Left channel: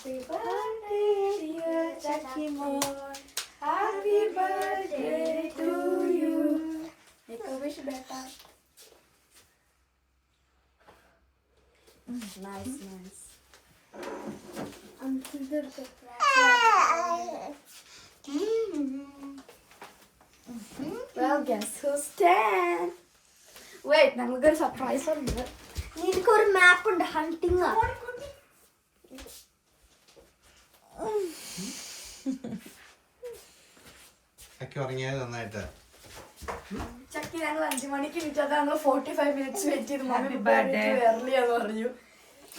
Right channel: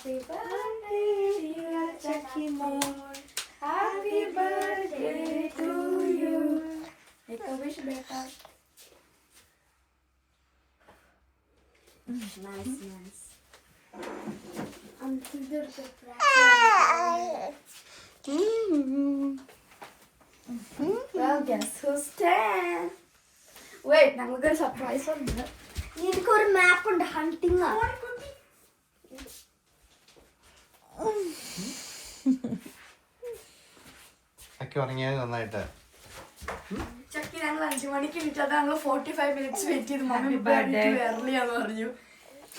Happy birthday, dear Chucky Moon. Happy birthday to you. Make a wish, beta. Nice. Well, guess who's 10? Wait, നമുക്കൊരു surprise ഉണ്ട്. നിനക്കൊരു മാപ്പ് ഉണ്ട്, hunting. നന്നായിട്ട് ചക്കി ഞങ്ങൾ 5 മണിക്ക് എണീറ്റത് ഞങ്ങൾ 45 minutes വെയിറ്റ് ചെയ്ത് മമ്മി വരലിയാന്ന് പറഞ്ഞു.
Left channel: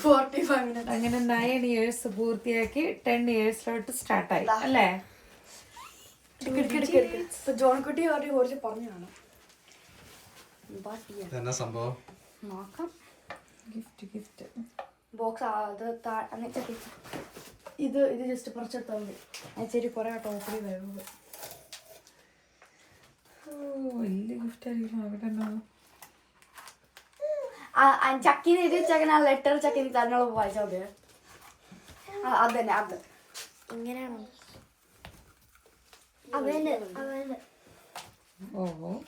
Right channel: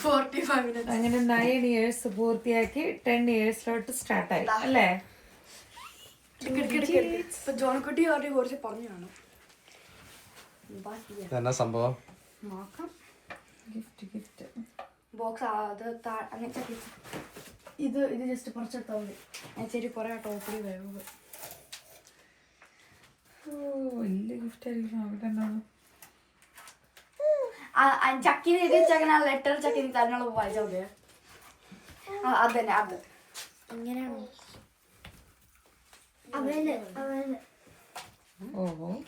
45 minutes. അങ്ങനെ 9 years പൂർത്തിയാക്കി 10 yearsലോട്ട് സ്റ്റാർട്ടായി അല്ലേ? ഇപ്പൊ ജോൺകുട്ടി കുറച്ച് പറഞ്ഞു കാണും. എന്നാ സംഭവം? നോക്കാം. ഗിഫ്റ്റ് ബോക്സ് അത് ചക്കി ഇത് ജസ്റ്റ് കുറച്ചെടുത്താൽ മതി. ശരി കുറെ ടോപ്പിൽ വരുന്നത്. വലിയ ഗിഫ്റ്റ് ആയിരിക്കും. ചക്കിന് എഴുതി വെച്ചങ്ങനെ ലെറ്റർ ചക്കി തന്നോളൂ വായിച്ചാൽ മതിയോ? അത് തന്നെ അത് ഇങ്ങനെയാണോ? അവന്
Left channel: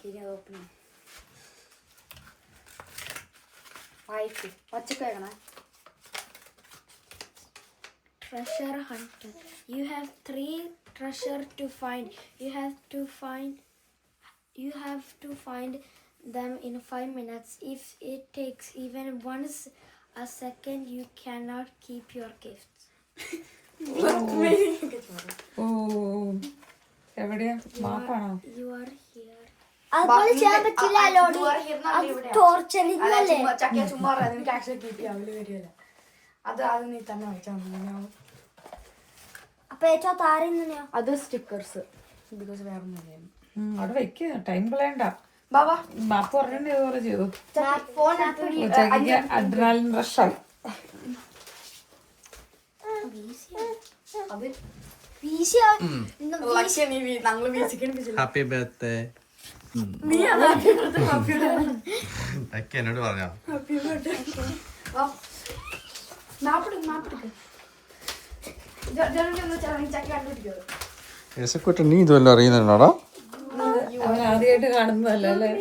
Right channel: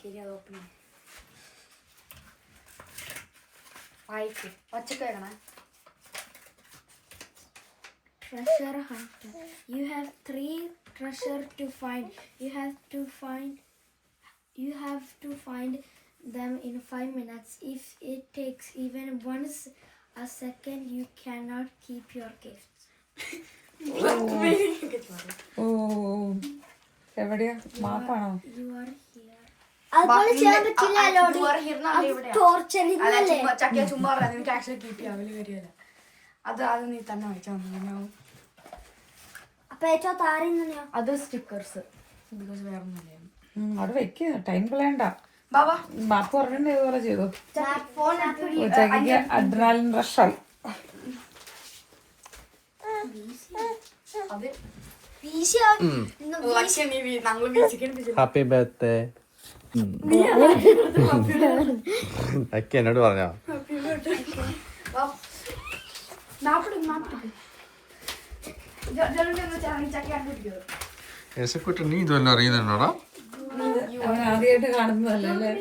ശരി അത് ഓപ്പൺ വായിക്ക് പച്ചക്ക് വേണേ. treasure hunter. You have 3 treasure to find. You have to find them in 5 minutes. If it takes even a second, you cannot keep your gifts. എവിടെയാ മാപ്പാണോ? You are here. അതുപോലെ ചെയ്യാൻ പറ്റില്ല. ടോർച്ചറിങ് അല്ലേ? ചക്കിയ ചുമ്മാ എനിക്ക് ആക്ച്വലി കിട്ടി അവര് വരികയല്ല. അത് നീ തന്നെ വെച്ചാൽ അപ്പൊ ഏറ്റവും താഴെ തന്നെയോ? അത് സ്റ്റിക്കേഴ്സ് വേറെ അവിടെ വെക്ക്, ടൈം കളയണ്ട. മാപ്പ് പറഞ്ഞിട്ട് ഇതുപോലെ ചെയ്തു. ഉച്ചയ്ക്ക് അഡ്രിനാലിൻ റഷായി. ഹാപ്പി ബർത്ത്ഡേ എന്നോട് പറഞ്ഞോ? യേശക്കുട്ടി നീ ഇതുവല്ലോ അറിയുന്നുണ്ടോടാ? അവൻ ആദ്യമായിട്ട് കാണുന്നതല്ലേ അല്ലേ?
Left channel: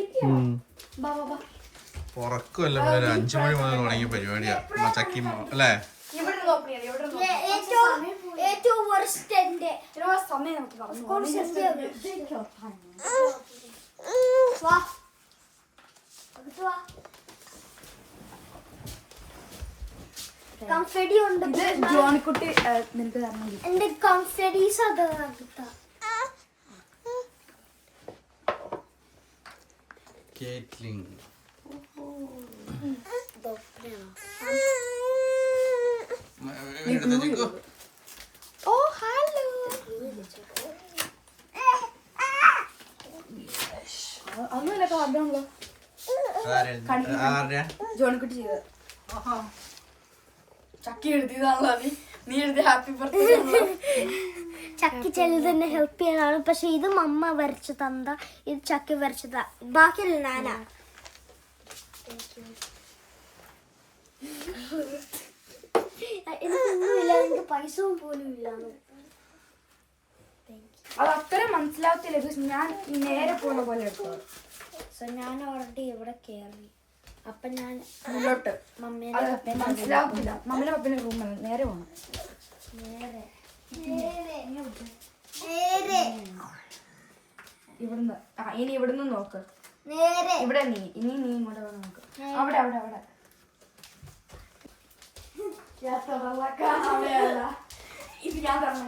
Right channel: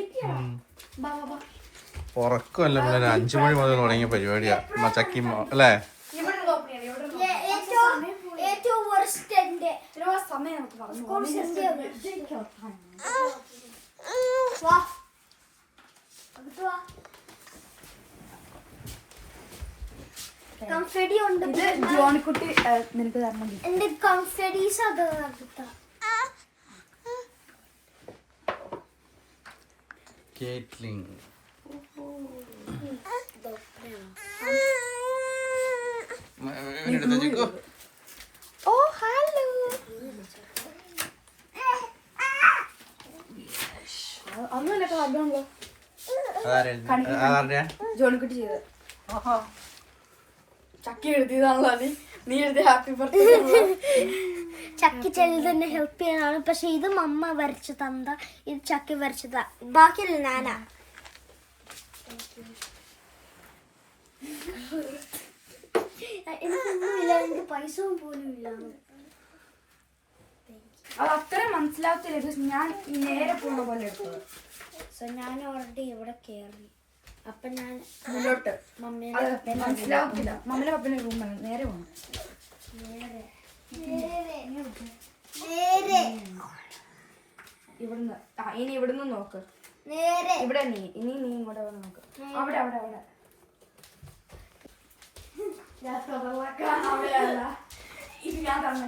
ഉറക്കമല്ല, 5 മണി മുതൽ തുടങ്ങിയ പരിപാടിയാ ചക്കി അല്ലേ? കംഫെഡി ഉണ്ട്. ജോണിക്കുട്ടി നിനക്ക് തരണം. എന്റെ കംഫെഡീസ് അത് കേറ്റ്ലിൻ. ഓ ഹലോ. ഒന്നുമില്ല അതാണല്ലോ ജോണിക്കുട്ടി ചെയ്തത്. ചക്കി എഴുതിയതാണല്ലോ നീ എഴുതിയ ഹാപ്പി ബർത്ത്ഡേ. ചക്കി ചെല്ലു തന്നെ ഹെൽപ്പ് ചെയ്യാനാണ്. പക്ഷെ ഇത് മമ്മ വരച്ചു തന്ന, ഇത് ചക്കി വരച്ചതാ. ബാക്കിയല്ല ഞാനാ. ഇതൊന്നുമില്ല, എനിക്ക് പൈസ പോലും ഇല്ല. അത് അത്രയും മനസ്സിലാവത്തില്ല. ഞാൻ നേരെ പോകുന്ന പോലെ എടുത്തത്. സോ ഞാൻ ഓൾറെഡി ഇവിടെ കയറി. അപ്പൊ ഞാൻ മുന്നോട്ട് മനസ്സിലാവത്തില്ല. മമ്മിയുടെ പപ്പന്റെ റൂമാണ്. നേരെ പോകണം. ഇവിടുന്ന് ഇനി ഇവിടുന്ന് നോക്ക്. ഇവിടെ ഇനി നീ ഇങ്ങോട്ട് നോക്ക്. അവിടെ ഇത് ഞാൻ പറഞ്ഞു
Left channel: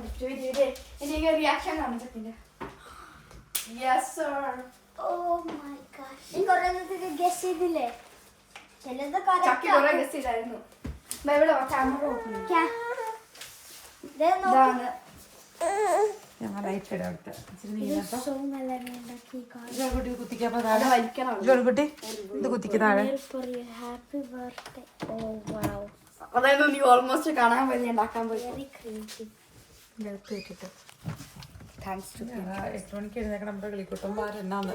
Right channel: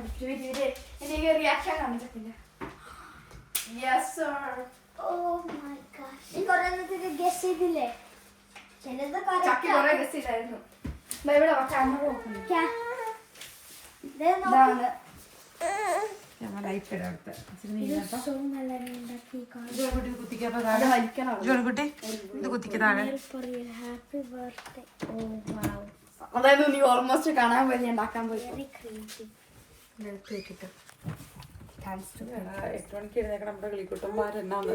എന്റെ റിയാക്ഷൻ കാണിച്ചിട്ടില്ല. Yes sir. Oh my god. നീ കുറേ ഗസ് ചെയ്തില്ലേ? ചിലത് ചക്കി കുറെ ഗസ് ചെയ്തായിരുന്നു. ഇവിടെ ക്യാമറ ഓപ്പൺ ഹാപ്പി ബർത്ത്ഡേ. ഓ വൗ. അതായത് നീ ഓൾമോസ്റ്റ് കാണാൻ പോലെ ഉണ്ടാക്കാൻ പോയി. താങ്ക്സ് ടു 8 മണിക്ക് എഴുന്നേക്കണം. നമ്മുടെ കളിക്കൂട്ടന്മാരെന്നാന്ന്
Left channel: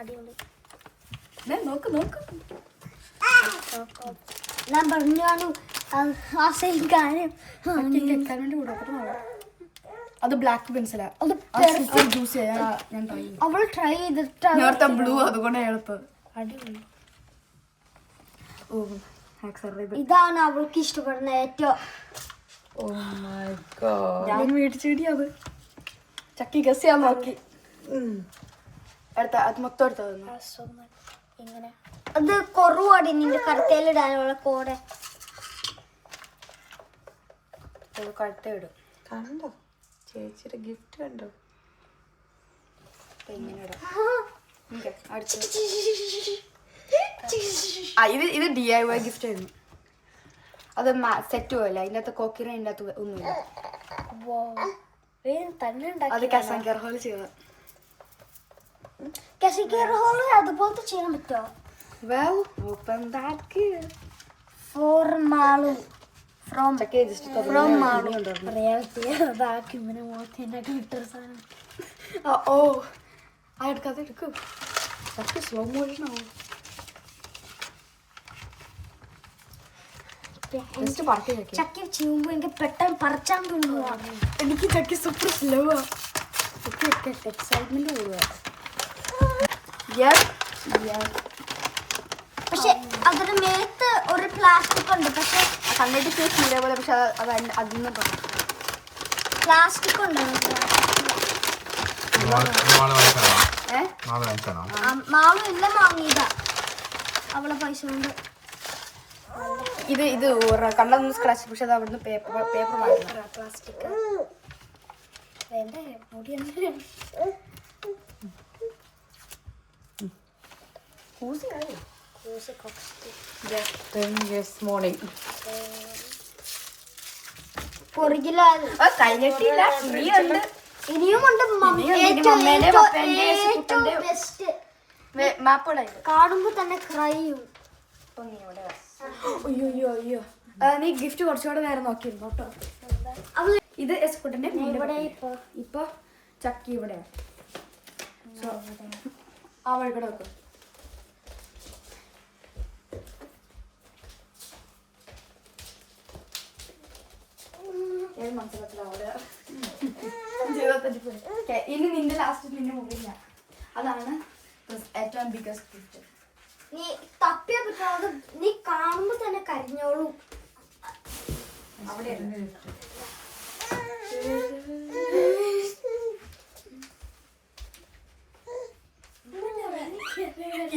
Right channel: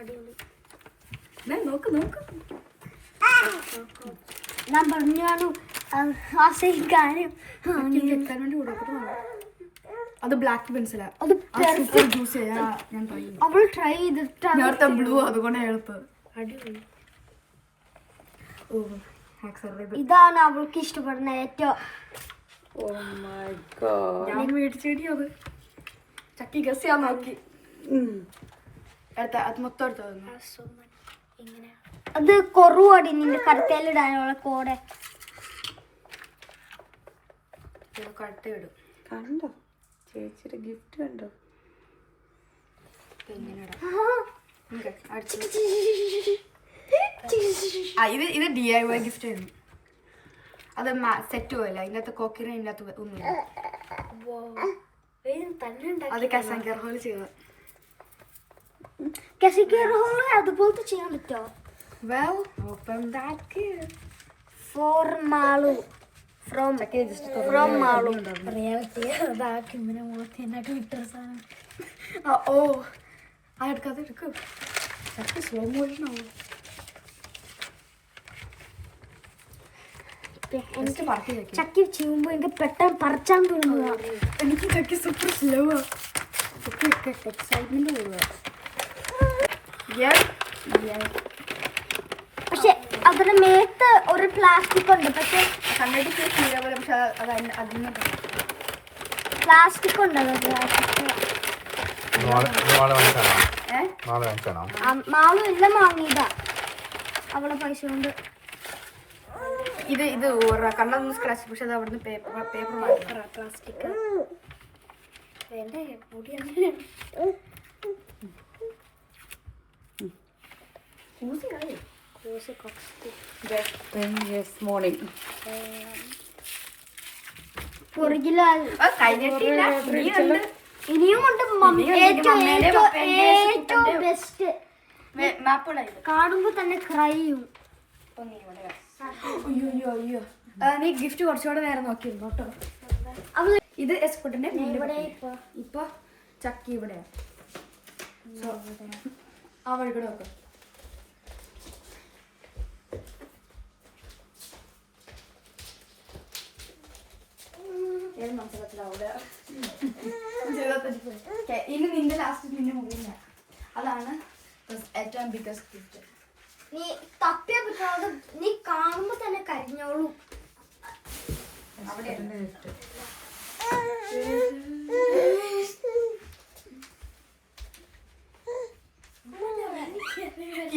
അടിപൊളി. നോക്ക് ഞാൻ പറഞ്ഞു ആ സെയിം കാര്യം. എക്സൈറ്റ്മെന്റ് കൂടെ അത് ബ്ലാക്ക് പെൻസിലാ. അത് ജ്യൂസ് ചെയ്യാൻ ഞാൻ ട്രൈ ചെയ്യും. അവൾ ട്രൈ ചെയ്തിട്ട് നേരത്തെ ബ്ലൂ അതുകൊണ്ട് എളുപ്പം. അടിപൊളി. ഓ ആക്സലറേറ്റ്. ഇതാണ് അവൾക്ക് ഇഷ്ടപ്പെടുന്ന ഏറ്റവും. ഞാൻ മേടിച്ചു കിട്ടിയത് ചക്കി ഗസ് ചെയ്യാൻ നോക്കി. അടുത്ത അത് മൊത്തം എടുത്തു. ഇങ്ങനെ അത് കുറവാടി നിന്റെ കറുത്തയിലിടാനുള്ള കോടെ കഴുത്തിടും. കണ്ടോ ചേച്ചിയുടെ ഗിഫ്റ്റ് കണ്ടോ? ഇങ്ങനെ ഇടാം. ഇത് DIY ഗിഫ്റ്റ് ആയിരുന്നു. അത് സെറ്റ് പോയല്ല, അതിനകത്ത് കോക്കിറ അതിനകത്ത് ഒന്നുമില്ല. അത് കസാങ്കർ ഹോൾ ചെയ്ത അതുപോലത്തെ ചെയ്യാൻ പറ്റുമോ? Well, open that gift. For Malu. From Malu. ഇങ്ങനെ മോത്തിനൊക്കെ കിട്ടുന്ന സാധനം. ഓ അതെടുക്കാതെ എടുക്കും. സ്ലോ മോഷൻ ആവും. ചക്കി ചെയ്യുമ്പോ എനിക്ക് പെട്ടെന്ന് പറിച്ചാൻ തോന്നുന്നു. എനിക്ക് ചക്കി സൂപ്പർ സ്ലോ ആ. എക്സൈറ്റ്മെന്റ് കൂടുക. പക്ഷെ അതിന് മേത്ത് ഒരു പ്ലാസ്റ്റിക് ഉണ്ട്. പക്ഷെ കണ്ടിട്ട് ഫീൽ പോലെ, പക്ഷെ അത് അതിന് പ്ലാസ്റ്റിക് ഉണ്ട്. മാളും എല്ലാം വാങ്ങിയതാ അവളെ പൈസ കൊണ്ട്. ഇത് കണ്ടൊന്ന് സ്ക്രാച്ച്, പക്ഷെ അത് അവിടുന്ന് പേപ്പർ വാങ്ങി. പ്ലാസ്റ്റിക് കഴിഞ്ഞിട്ടില്ല, ഇനിയുമുണ്ട്. ഏറ്റവും ബെസ്റ്റ് മാപ്പുകളായിട്ട് കാണുമ്പോ തന്നെ ക്രൈ ചെയ്യും. അയ്യോ നീ ഗിഫ്റ്റ് കുറച്ചുകൂടെ നേരം നോക്കിയിരുന്നു കേട്ടോ. ഇത് എസ്കുട്ടന്റെ ഇവിടെ ഇപ്പൊ ചക്കി ഇവിടെ ആ വഴി കൂടെ വെക്കും. ഇനി നിന്റെ ലാസ്റ്റ് നിന്റെ മുകളിൽ അതാണ് ഏറ്റവും ബിഗസ്റ്റ് ഗിഫ്റ്റ്. നീ തപ്പിയ പറ്റാതെ നീ കാണുമ്പോ തന്നെ കരിഞ്ഞോളൂ.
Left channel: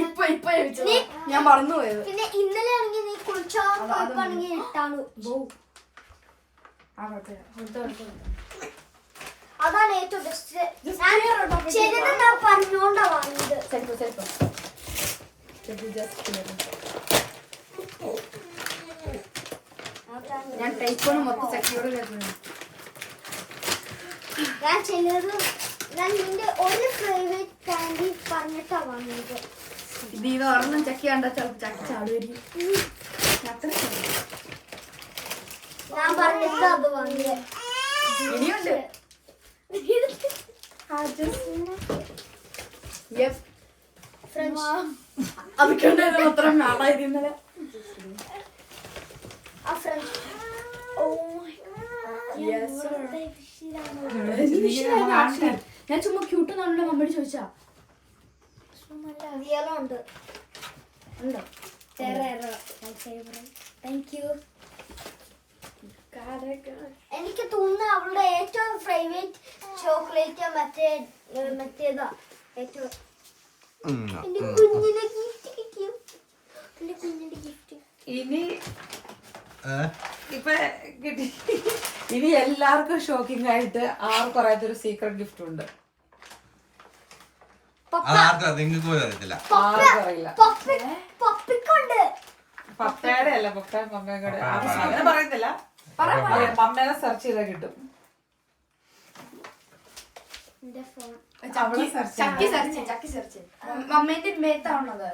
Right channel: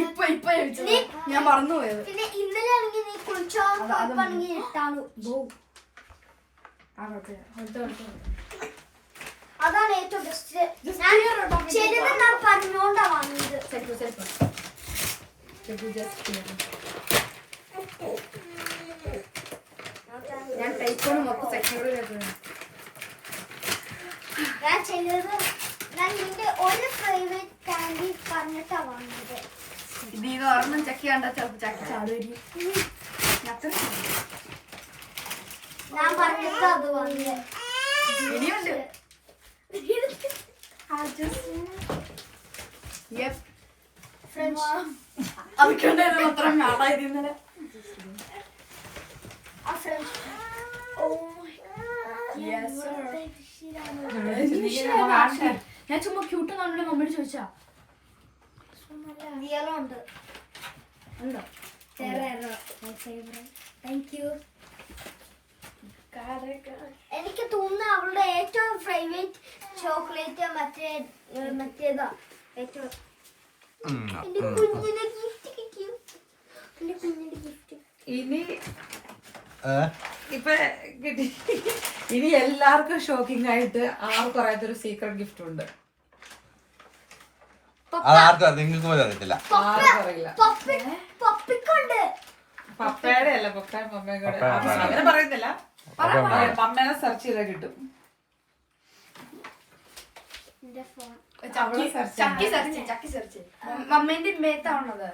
ഇപ്പൊ ഞാൻ മറന്നുപോയത്. പിന്നെ ഇന്നലെ ആണെങ്കിൽ നീ കുളിച്ചാണെങ്കിൽ ഇട്ടാണ്. അതാണ് ഏറ്റവും ബെസ്റ്റ്. ഞാൻ പറഞ്ഞോണ്ടാ വാങ്ങിയത്. ഞാൻ ടൈപ്പോണ് മൊത്തം ചക്കിയോട് കേൾക്കുന്നു. ഞാൻ ചെയ്തത് ഞാൻ നിന്റെ ഒരു ഫേവറേറ്റ് കാൻഡി പറഞ്ഞിട്ടാ വാങ്ങിയത്. ഇത് ഒരെണ്ണം ചക്കി കണ്ടാ ചിലപ്പോ ചക്കി ചാടുമായിരിക്കും. ഞാൻ പറഞ്ഞിട്ട് അത് വാങ്ങിയത്. ഇനിയുണ്ട്. അതൊക്കെ അത്ര നാളായിരുന്നല്ലേ. ഞാൻ ചുമ്മാ ക്യൂട്ട് കാണുന്ന മമ്മിയോട് ചോദിച്ചാ ഉണ്ടോ? Thank you. എനിക്ക് തോന്നുന്നു അവളുടെ ഏറ്റവും ഫേവറേറ്റ് ചോക്ലേറ്റ് മറ്റേതാ. ഏറ്റവും എന്റെ കുഞ്ഞിന്റെ ഗിഫ്റ്റ് കിട്ടിയോ? എന്റെ കുഞ്ഞിന്റെ ഗിഫ്റ്റ് ഇനി ഇപ്പൊ കിട്ടി. ഇനി എല്ലാവർക്കും ഷോക്കിംഗ് ആയിട്ട് ആർക്കും അറിയാത്തൊരു സീക്രട്ട് ഗിഫ്റ്റ് ഉണ്ട്. നിങ്ങൾക്ക് പോലും അറിയത്തില്ല. ആർക്കും അറിയില്ല. പപ്പിക്കുണ്ട്. പപ്പയുടെ അല്ല, പപ്പ മമ്മയുടെ അങ്ങനെ പറയുന്നില്ല. മമ്മേനെ സെർച്ച് ചെയ്താൽ കിട്ടും. മമ്മേന്റെ മേത്താണത്.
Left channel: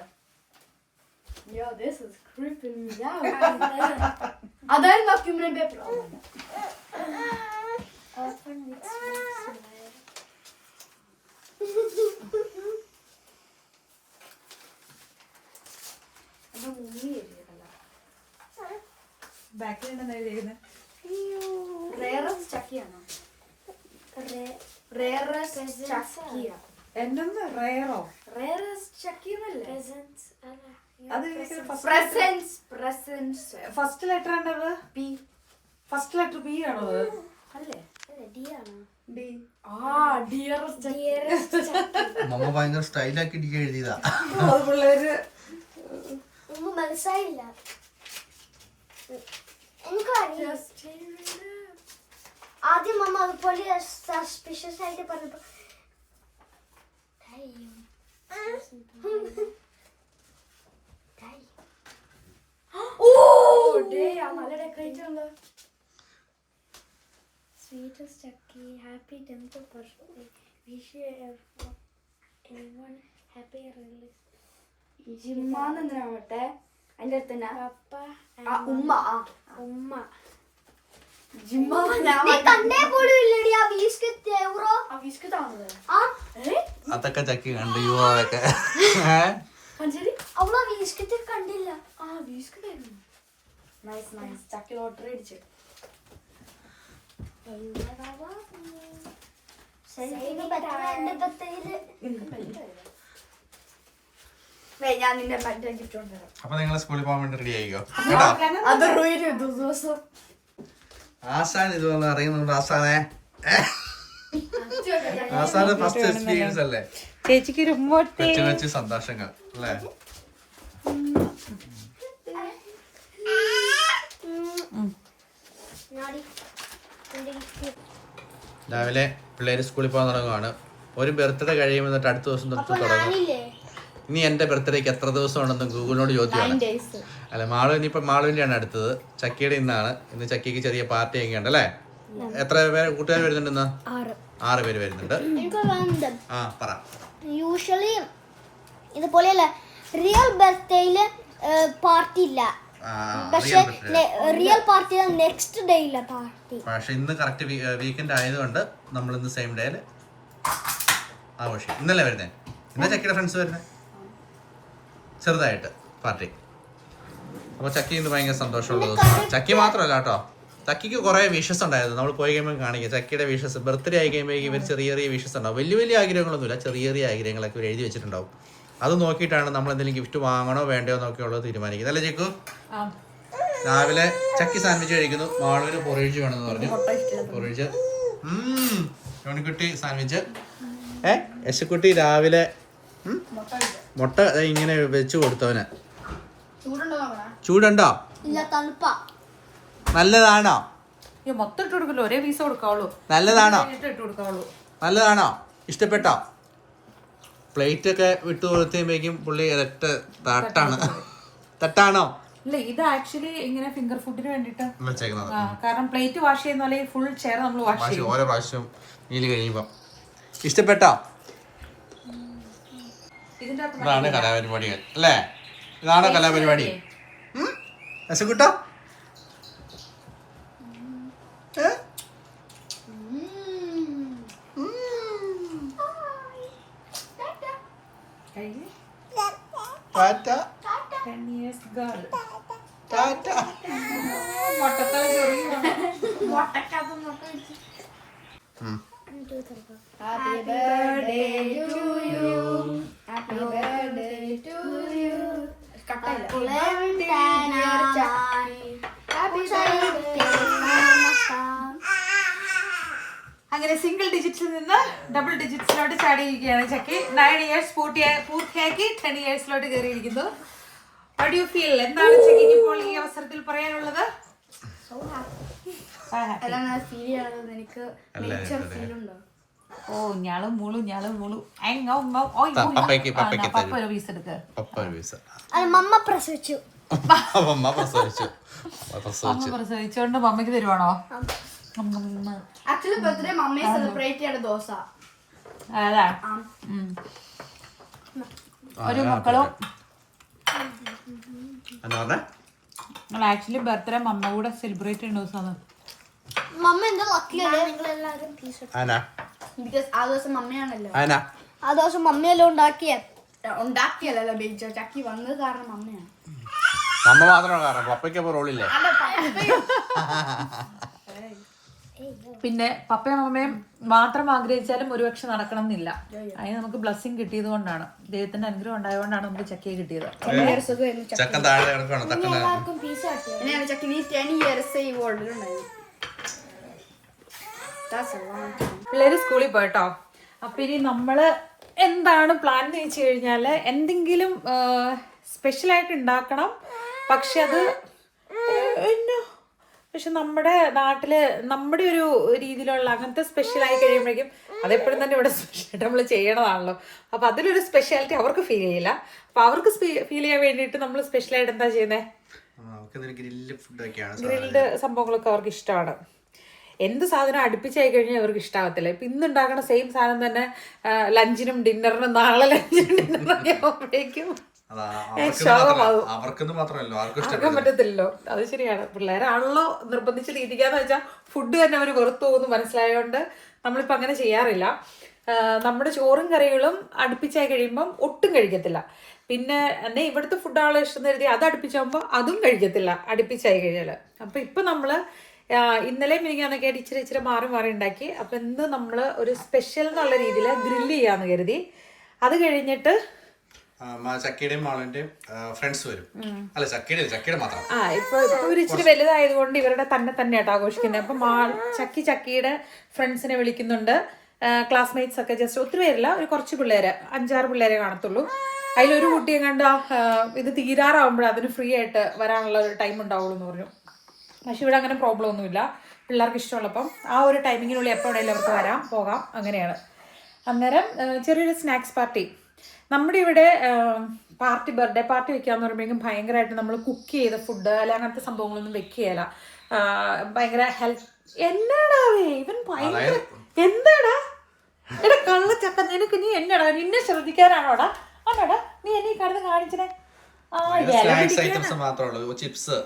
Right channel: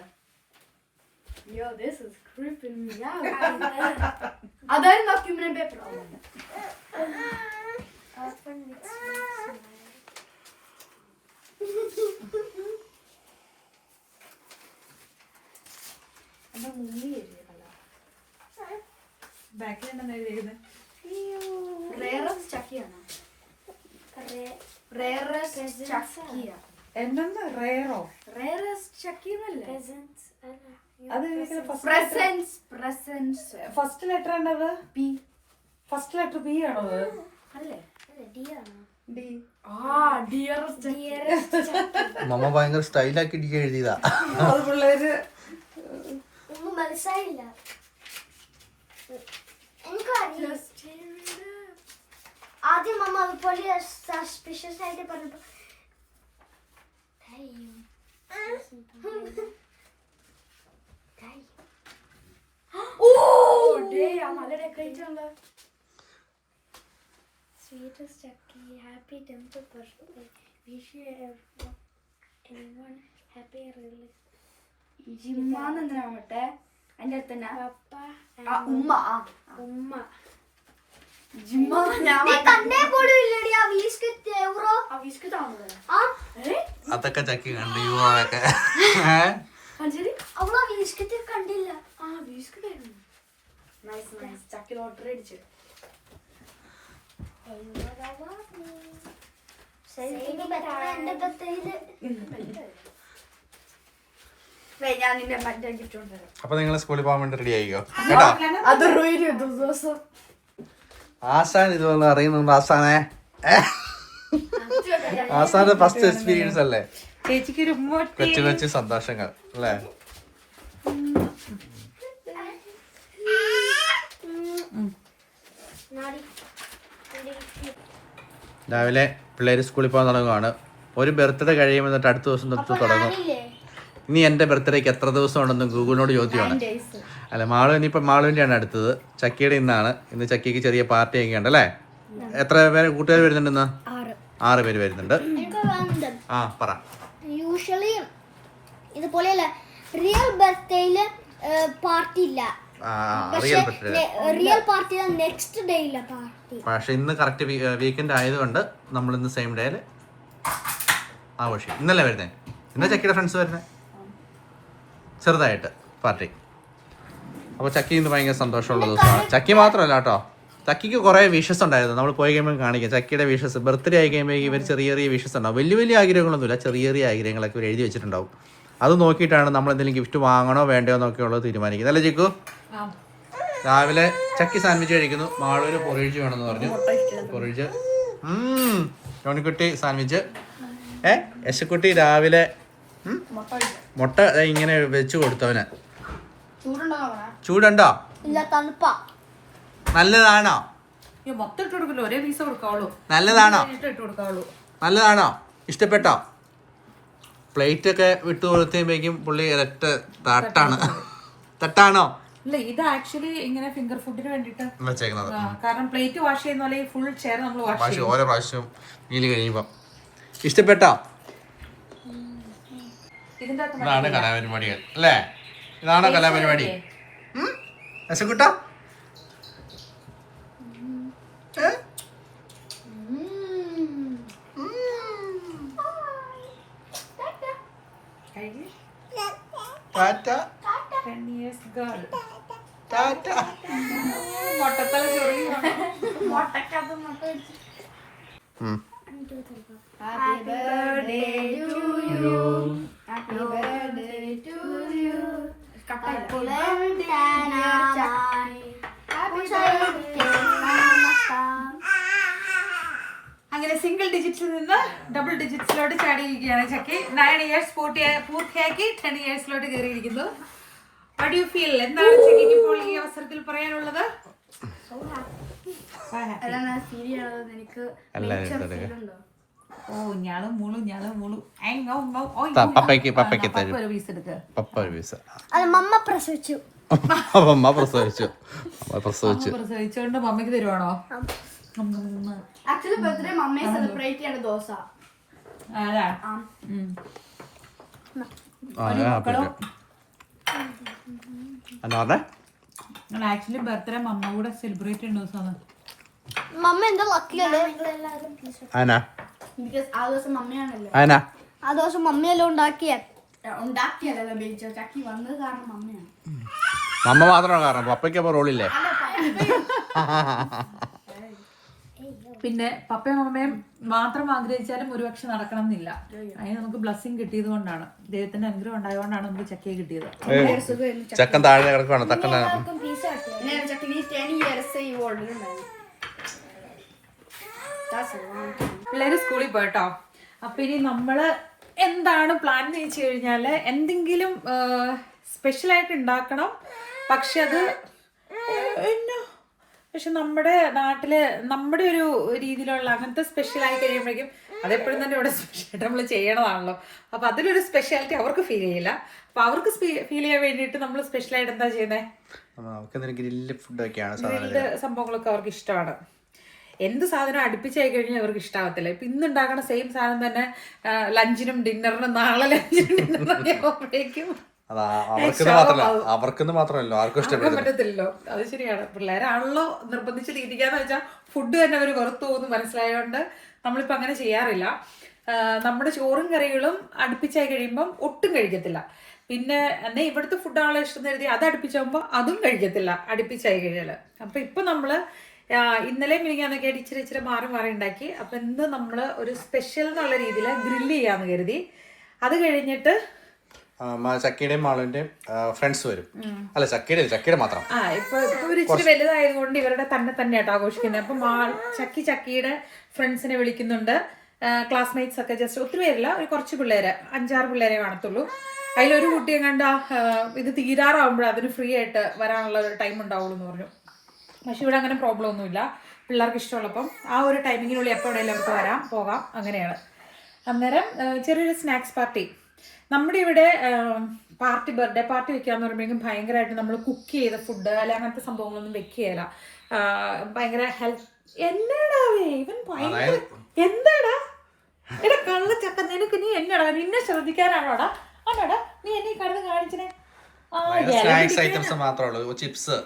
അതായിരുന്നു ഡോക്യുമെന്റ് പേപ്പർ. ബാക്കിൽ ഉണ്ടെന്ന് എഴുതിയിരുന്നത്. റേറസ്റ്റ് ചക്കിയാണ്. റേറസ്റ്റ് ചക്കിയ. എന്തെന്ന് റേറോ? റേറസ്റ്റ് ചക്കി എന്നല്ലേ? Presents. അത് പ്രസൻസ്. ഫസ്റ്റ് ലെറ്റർ ഉണ്ടത് പി. ഫസ്റ്റ് ലെറ്റർ പി ആണോ അത്? അല്ലേ? D ആണ്. ഡി. ഡിയറസ്റ്റ്. മമ്മ ഭയങ്കര സ്റ്റൈലാക്കി ഡി എഴുതിയതാ. അത് പിള്ളേര് ഒന്നും മനസ്സിലായില്ല. എനിക്കറിയാം. ആദ്യം മമ്മ അതുപോലെ സസ്പിഷ്യസ് ആയിട്ട് പറഞ്ഞപ്പോ നല്ല ഡെക്കറേറ്റ് ഉണ്ടോ? Sweetest Chucky, happy 10th birthday. Wish you everyone happy release. ജിമ്മാന്ന് എന്തിനാവട്ടെ അതിന്റെ അടുത്ത് തന്നെ Papa and ഉമ്മ. Umma. ജിമ്മ ഞാൻ കണ്ടേ പോലും ഇല്ലടി ആ വിസ്ക് താണത്. അതൊക്കെ ചക്കി കണ്ടു ഒക്കെ. കഞ്ചേരി അവളാ വീസ്കറ്റ് കണ്ടില്ല. വിസ്ക് നൈസ് നൈസ്. ചക്കി ലോട്ടറി അടിച്ചു. ഞാൻ നിന്റെ മറ്റേ ഗിഫ്റ്റ് കൊണ്ടുവരാം. അപ്പൊ നിങ്ങൾ സ്കൂളിൽ പോകാൻ വേണ്ടി റെഡി ആയിക്കോ കേട്ടോ. അത് ദിവസം ആസാൻ ഇതൊന്നും അറിയുന്നുണ്ട്. ആസാനെ ആസാന്റെ ഫസ്റ്റ് എക്സ്പീരിയൻസ് അല്ലേ? ചേച്ചിക്ക് ഒരു കൊച്ചു കൊച്ചു സന്തോഷങ്ങൾ അല്ലേ? രാവിലെ പിള്ളേര് സ്കൂളിൽ പോകാൻ തുടങ്ങുവാണ്. ഒരു ബർത്ത്ഡേ കഴിയുമ്പോൾ എന്നിട്ട് അടുത്ത ദിവസം തൊട്ട് തുടങ്ങും. ഇനി എന്റെ ബർത്ത്ഡേക്ക് എത്ര ദിവസം ഉണ്ടെന്ന് ഗൂഗിളിനോട് ചോദിക്കണം. അല്ല മാളുവിന്റെയാണ് അടുത്തത്. ചക്കിയുടെ ഇന്നാണ്. ഇന്ന് ചക്കിക്ക് ചെറിയ പാർട്ടി ഒക്കെ ഉണ്ട് അല്ലേ? എത്ര പേര് കൂട്ടുകാർ വരുന്നുണ്ട് ഇന്ന്? 6 പേര് വരുന്നുണ്ട്. ആ പറ. യൂഷ്വലി ഇതുപോലെയല്ല, റിയൽ ബർത്ത്ഡേയില് പാർട്ടി ഇല്ല. പക്ഷെ റിയൽ പാർട്ടി നെക്സ്റ്റ് ഡേ ഇല്ല പാർട്ടി. പക്ഷെ ഇന്ന് കറക്റ്റ് വീക്കെൻഡ് ആയതുകൊണ്ട് നമ്മൾ ഇന്ന് സെയിം ഡേയിൽ ആഘോഷിക്കും. ഇന്നല്ലേ വരുന്നത്? ഇന്ന ചക്കിയുടെ ഫ്രണ്ട്സ് വരുന്നത് ചെറുതായിട്ട് പാർട്ടി. അപ്പോൾ ചക്കി ഇന്ന് ഭയങ്കര സന്തോഷമുള്ള ദിവസമാണ്. ചക്കി മാത്രമല്ല കേട്ടോ, ചക്കിക്ക് കുറേ വിഷസ് ഉണ്ടായിരുന്നു. നമ്മൾ പോയി കഴിയുമ്പോൾ കാണിക്കുക ചക്കിയുടെ വിഷസ്. ബർത്ത്ഡേ ആയി കഴിയുമ്പോൾ ഇവർ ചെറിയ ചെറിയ വിഷസ് ഉണ്ടാവും. വലിയ വലിയ ആഗ്രഹങ്ങളൊന്നുമില്ല, ചെറിയ ചെറിയ ആഗ്രഹങ്ങളൊക്കെ ഇവർ എഴുതി വെച്ചിട്ടുണ്ടാവും. അത് നോക്കിയിട്ടാണ് നമ്മൾ എന്തെങ്കിലും ഗിഫ്റ്റ് വാങ്ങണോ വേണ്ടയോ എന്നൊക്കെയുള്ളത് തീരുമാനിക്കുന്നത് അല്ലേ ചിക്കു? രാവിലെ ചക്കി സാൻഡ്വിച്ച് കഴിക്കുന്നു. നാളെ പൊറിയിച്ച് വേണമെന്ന് പറഞ്ഞു. പൊറിയിച്ച് ജോണിക്കുട്ടി സാൻഡ്വിച്ച്. യശക്കുട്ടി രാവിലെ മുട്ട ഇങ്ങനെ വെച്ച് കൊടുത്തവന്. ചൂടുണ്ടോ? ഇല്ല, തണുപ്പാ. നല്ലതാണോ? മൊത്തം ഇട്ട് കൊടുക്കല്ലോ, ഒരേ പീസ് കൊടുക്കാവുള്ളൂ. നല്ലതാണോ? ഇട്ട് കൊടുക്കാവുള്ളൂ. നല്ലതാണോ? ഇഷ്ടപ്പെട്ടോ? പ്ലേറ്റ് ഒക്കെ വിട്ടു കൊടുത്തേക്കും പുള്ളി ഇരട്ട് തട്ടാണോ? ഇല്ല, ഇത് ആക്ച്വലി ഇങ്ങനെ ഫിംഗർ ഫുഡിന് വേണ്ടിട്ട് വെച്ചേക്കുന്നത്. കാരണം പ്ലേറ്റ് വാഷ് ചെയ്യുന്ന പോലെ ഫുൾ ചെയർ നമ്മൾ വാഷ് ചെയ്യും. ഓരോ പ്രാവശ്യവും നീല് കഴിയുമ്പോ. ഇഷ്ടപ്പെട്ടോ? ഇതാണ് കലാപരിപാടികൾ അല്ലേ? ഇതാണോ കലാപരിപാടി? രസക്കുട്ടോ? Tata. Tata. Happy birthday to you. Happy birthday to you. അങ്ങനെ സിംഗിൾ ഡിജിറ്റ്സിൽ നിന്ന് ഡബിൾ ഡിജിറ്റ്സിലോട്ട് ചാടിയിരിക്കുകയാണ് ചക്കി. 9 years പൂർത്തിയാക്കി 10 yearsലോട്ട് കയറിയിരിക്കുന്നു. What do you feel? എന്താണ് ചക്കിക്ക് ഇപ്പോൾ ഈ അവസരത്തിൽ പറയാനുള്ളത്? എനിക്ക് നേച്ചർ ഫീൽ ഉണ്ടോ? ഓ ഞാളും മൂളും പീസ് എടുക്ക. മമ്മ പ്രസവിച്ചു. പ്രസവിച്ചോണ്ട് മമ്മയ്ക്ക് തരുവാണോ? ആക്ച്വലി ബർത്ത്ഡേ മമ്മയെ സെലിബ്രേറ്റ് ചെയ്യേണ്ട ദിവസം അതാ. ഒരു മക്കളും ആക്ച്വലി ബർത്ത്ഡേ മമ്മ കൂടെ സെലിബ്രേറ്റ് ചെയ്യുന്ന ദിവസമാണ്. മമ്മ എന്താ ലക്കിയല്ലേ? ബിക്കോസ് ആ ദിവസം മമ്മയാണല്ലോ. ആ ദിവസം മമ്മിയല്ലോ ഉണ്ടാക്കിയല്ലോ ബേജോ. ചക്കി വന്നത് കാരണം മമ്മയാണ്. മമ്മ മാത്രമാണ് കാരണം. പപ്പയ്ക്ക് അപ്പോൾ റോളില്ലേ? അല്ല, പപ്പ പിന്നെ പപ്പയും അമ്മയും മാത്രം ആഗ്രഹിച്ചാലും ഒരുപക്ഷെ നടക്കണം എന്നില്ല. അതിന് നമുക്ക് ബ്ലെസ്സിങ് കിട്ടിയത് കൊണ്ടാണ്, ദൈവത്തിന്റെ അനുഗ്രഹം ഉണ്ടായതുകൊണ്ടാണ് നമുക്ക് ചക്കയെ കിട്ടിയത്. ചക്കൻ താഴെ കിടക്കാണ്. എല്ലാവർക്കും പീസ് കിട്ടിയോ? അങ്ങനെയാണ് ചക്കി 10 years ഈ വേൾഡിൽ ഉണ്ടായിരുന്നു. പിള്ളേര് സ്കൂളിൽ പോയിട്ടോ. അപ്പൊ ഇനി നമ്മള് എന്താണ് പ്ലാൻ എന്ന് വെച്ച് കഴിഞ്ഞാല് എന്തെങ്കിലും സ്പെഷ്യലായിട്ട് ഉണ്ടാക്കണം. പക്ഷെ നമ്മുടെ നാട്ടില് നമ്മുടെ ഒരു രീതിയിലുള്ള അങ്ങനത്തെ സ്പെഷ്യലായി കഴിയുമ്പോഴേക്കും അതെപ്പോഴും തന്നെ ഇവിടെ സ്പെഷ്യലായിട്ട് നമ്മൾ ചെയ്യണതാണല്ലോ. അപ്പൊ അതിലൊരു സ്പെഷ്യാലിറ്റി അവർക്ക് ഫീൽ ചെയ്യില്ല. അപ്പൊ അവർക്ക് ഫീൽ ചെയ്യാൻ വേണ്ടിയിട്ട് നമ്മൾ സ്പെഷ്യലായിട്ട് എന്താ ചെയ്യുന്നത്? ഗ്രിൽഡ് സംഭവങ്ങളൊക്കെ അവർക്ക് ഇഷ്ടമാണ്. എന്ത് സാധനം അടുപ്പിച്ചായി കഴിഞ്ഞാൽ അവർക്ക് ഇഷ്ടാവത്തില്ല. ഇപ്പൊ ഇന്ന് ഉണ്ടാക്കുന്ന സെയിം സാധനം തന്നെ ലഞ്ചിനും ഡിന്നറിനും നാളെ ലഞ്ചിനും ഡിന്നറിനും അവർക്കെന്ന് മാത്രമല്ല ആർക്കും ഇഷ്ടപ്പെടാൻ പറ്റത്തില്ലല്ലോ. അത് ശരിയാണ്. പിള്ളേരാണല്ലോ നിർബന്ധിച്ച് തീറ്റിക്കാന്ന് വെച്ചാൽ ഫുഡ് തന്നെ അവർ വെറുത്തു പോകുന്നു മനസ്സിലായതുകൊണ്ട് നമ്മളിപ്പോ അങ്ങനെ ചെയ്യാറില്ല. നമ്മുടെ ചോറും കറികളും അടുപ്പിച്ചായി കഴിയുമ്പം ഒട്ടും കഴിക്കത്തില്ല. പിന്നെ എന്നെ ഇവിടുത്തെ ഫുഡാണല്ലോ ഇഷ്ടം കരുതി അത് അടുപ്പിച്ചാകുമ്പോൾ അതും കഴിക്കത്തില്ല അടുപ്പിച്ചായി കഴിഞ്ഞാല്. അപ്പൊ ഇപ്പൊ നമ്മള് ഇന്നലെ മിനിങ്ങാന്നൊക്കെ ആയിട്ട് ഇച്ചിരി മാറി ഉണ്ടാക്കി. അപ്പൊ ഇന്ന് നമ്മള് ഒരു സ്പെഷ്യൽ എന്നുള്ള രീതിയിൽ ഗ്രില്ല് ചെയ്യാന്ന് കരുതി. അത് കഴിഞ്ഞിട്ട് ചക്കിയുടെയും മാളുടെയും ഫ്രണ്ട്സ് വരും. അല്ല ചക്കിയുടെ മാത്രം. ഇപ്പൊ ഒരു ഇച്ചിരി വലുതായതുകൊണ്ട് ഇവരുടെ തന്നെയായിട്ട് ആഘോഷിക്കുന്നത്. അപ്പൊ ചക്കിയുടെ ഫ്രണ്ട്സിനെ വിളിക്കുന്നുണ്ട്. ക്ലാസ്മേറ്റ്സ് ഒക്കെ ജസ്റ്റ് ഒത്തിരി പേരില്ല, ഒരു കുറച്ച് പിള്ളേര് 5-6 പിള്ളേരെ കാണത്തുള്ളൂ. അതിലൊരു കുട്ടിയെ കണ്ട ഇത് തീരാറാവുമ്പോഴേ അതിന് ഫ്രീ ആയിട്ട് വരാനുള്ള ഒരു ടൈം ഉണ്ടാവുള്ളൂ എന്ന് പറഞ്ഞു. പക്ഷെ ഇവിടെ അങ്ങനെ പ്രോബ്ലം ഒന്നുമില്ല. പിള്ളേർക്ക് ഇഷ്ടമുള്ളപ്പം ആ ഒരു ടൈമിങ്ങിനുള്ളിൽ എപ്പോൾ വേണമെങ്കിലും അവർക്ക് പോകാം. അങ്ങനെയാണ്. അന്നേരം ചെറിയൊരു സ്നാക്സ് പാർട്ടി. നമ്മുടെ ഇവിടെ ബർത്ത്ഡേ പാർട്ടി വെക്കാന്ന് പറയുമ്പോഴേക്കും ഭയങ്കരമായിട്ട് നമ്മൾ കുക്ക് ചെയ്ത ഫുഡ് അല്ലെ അങ്ങനത്തെ സംഭവങ്ങളൊന്നും വെക്കുകയല്ല. ഭയങ്കര ഹെൽത്ത്. എന്നാടാവേ ഇവൻ ഭയങ്കര എന്താടാ എടാ കള്ളച്ചക്ക, നിനക്ക് നീ എന്നടാ നിന്നെ ശ്രദ്ധിക്കാനാണോടാ? ആണോടാ നീ എന്നെ കടന്ന് കാണിച്ചേ? ചിപ്സ്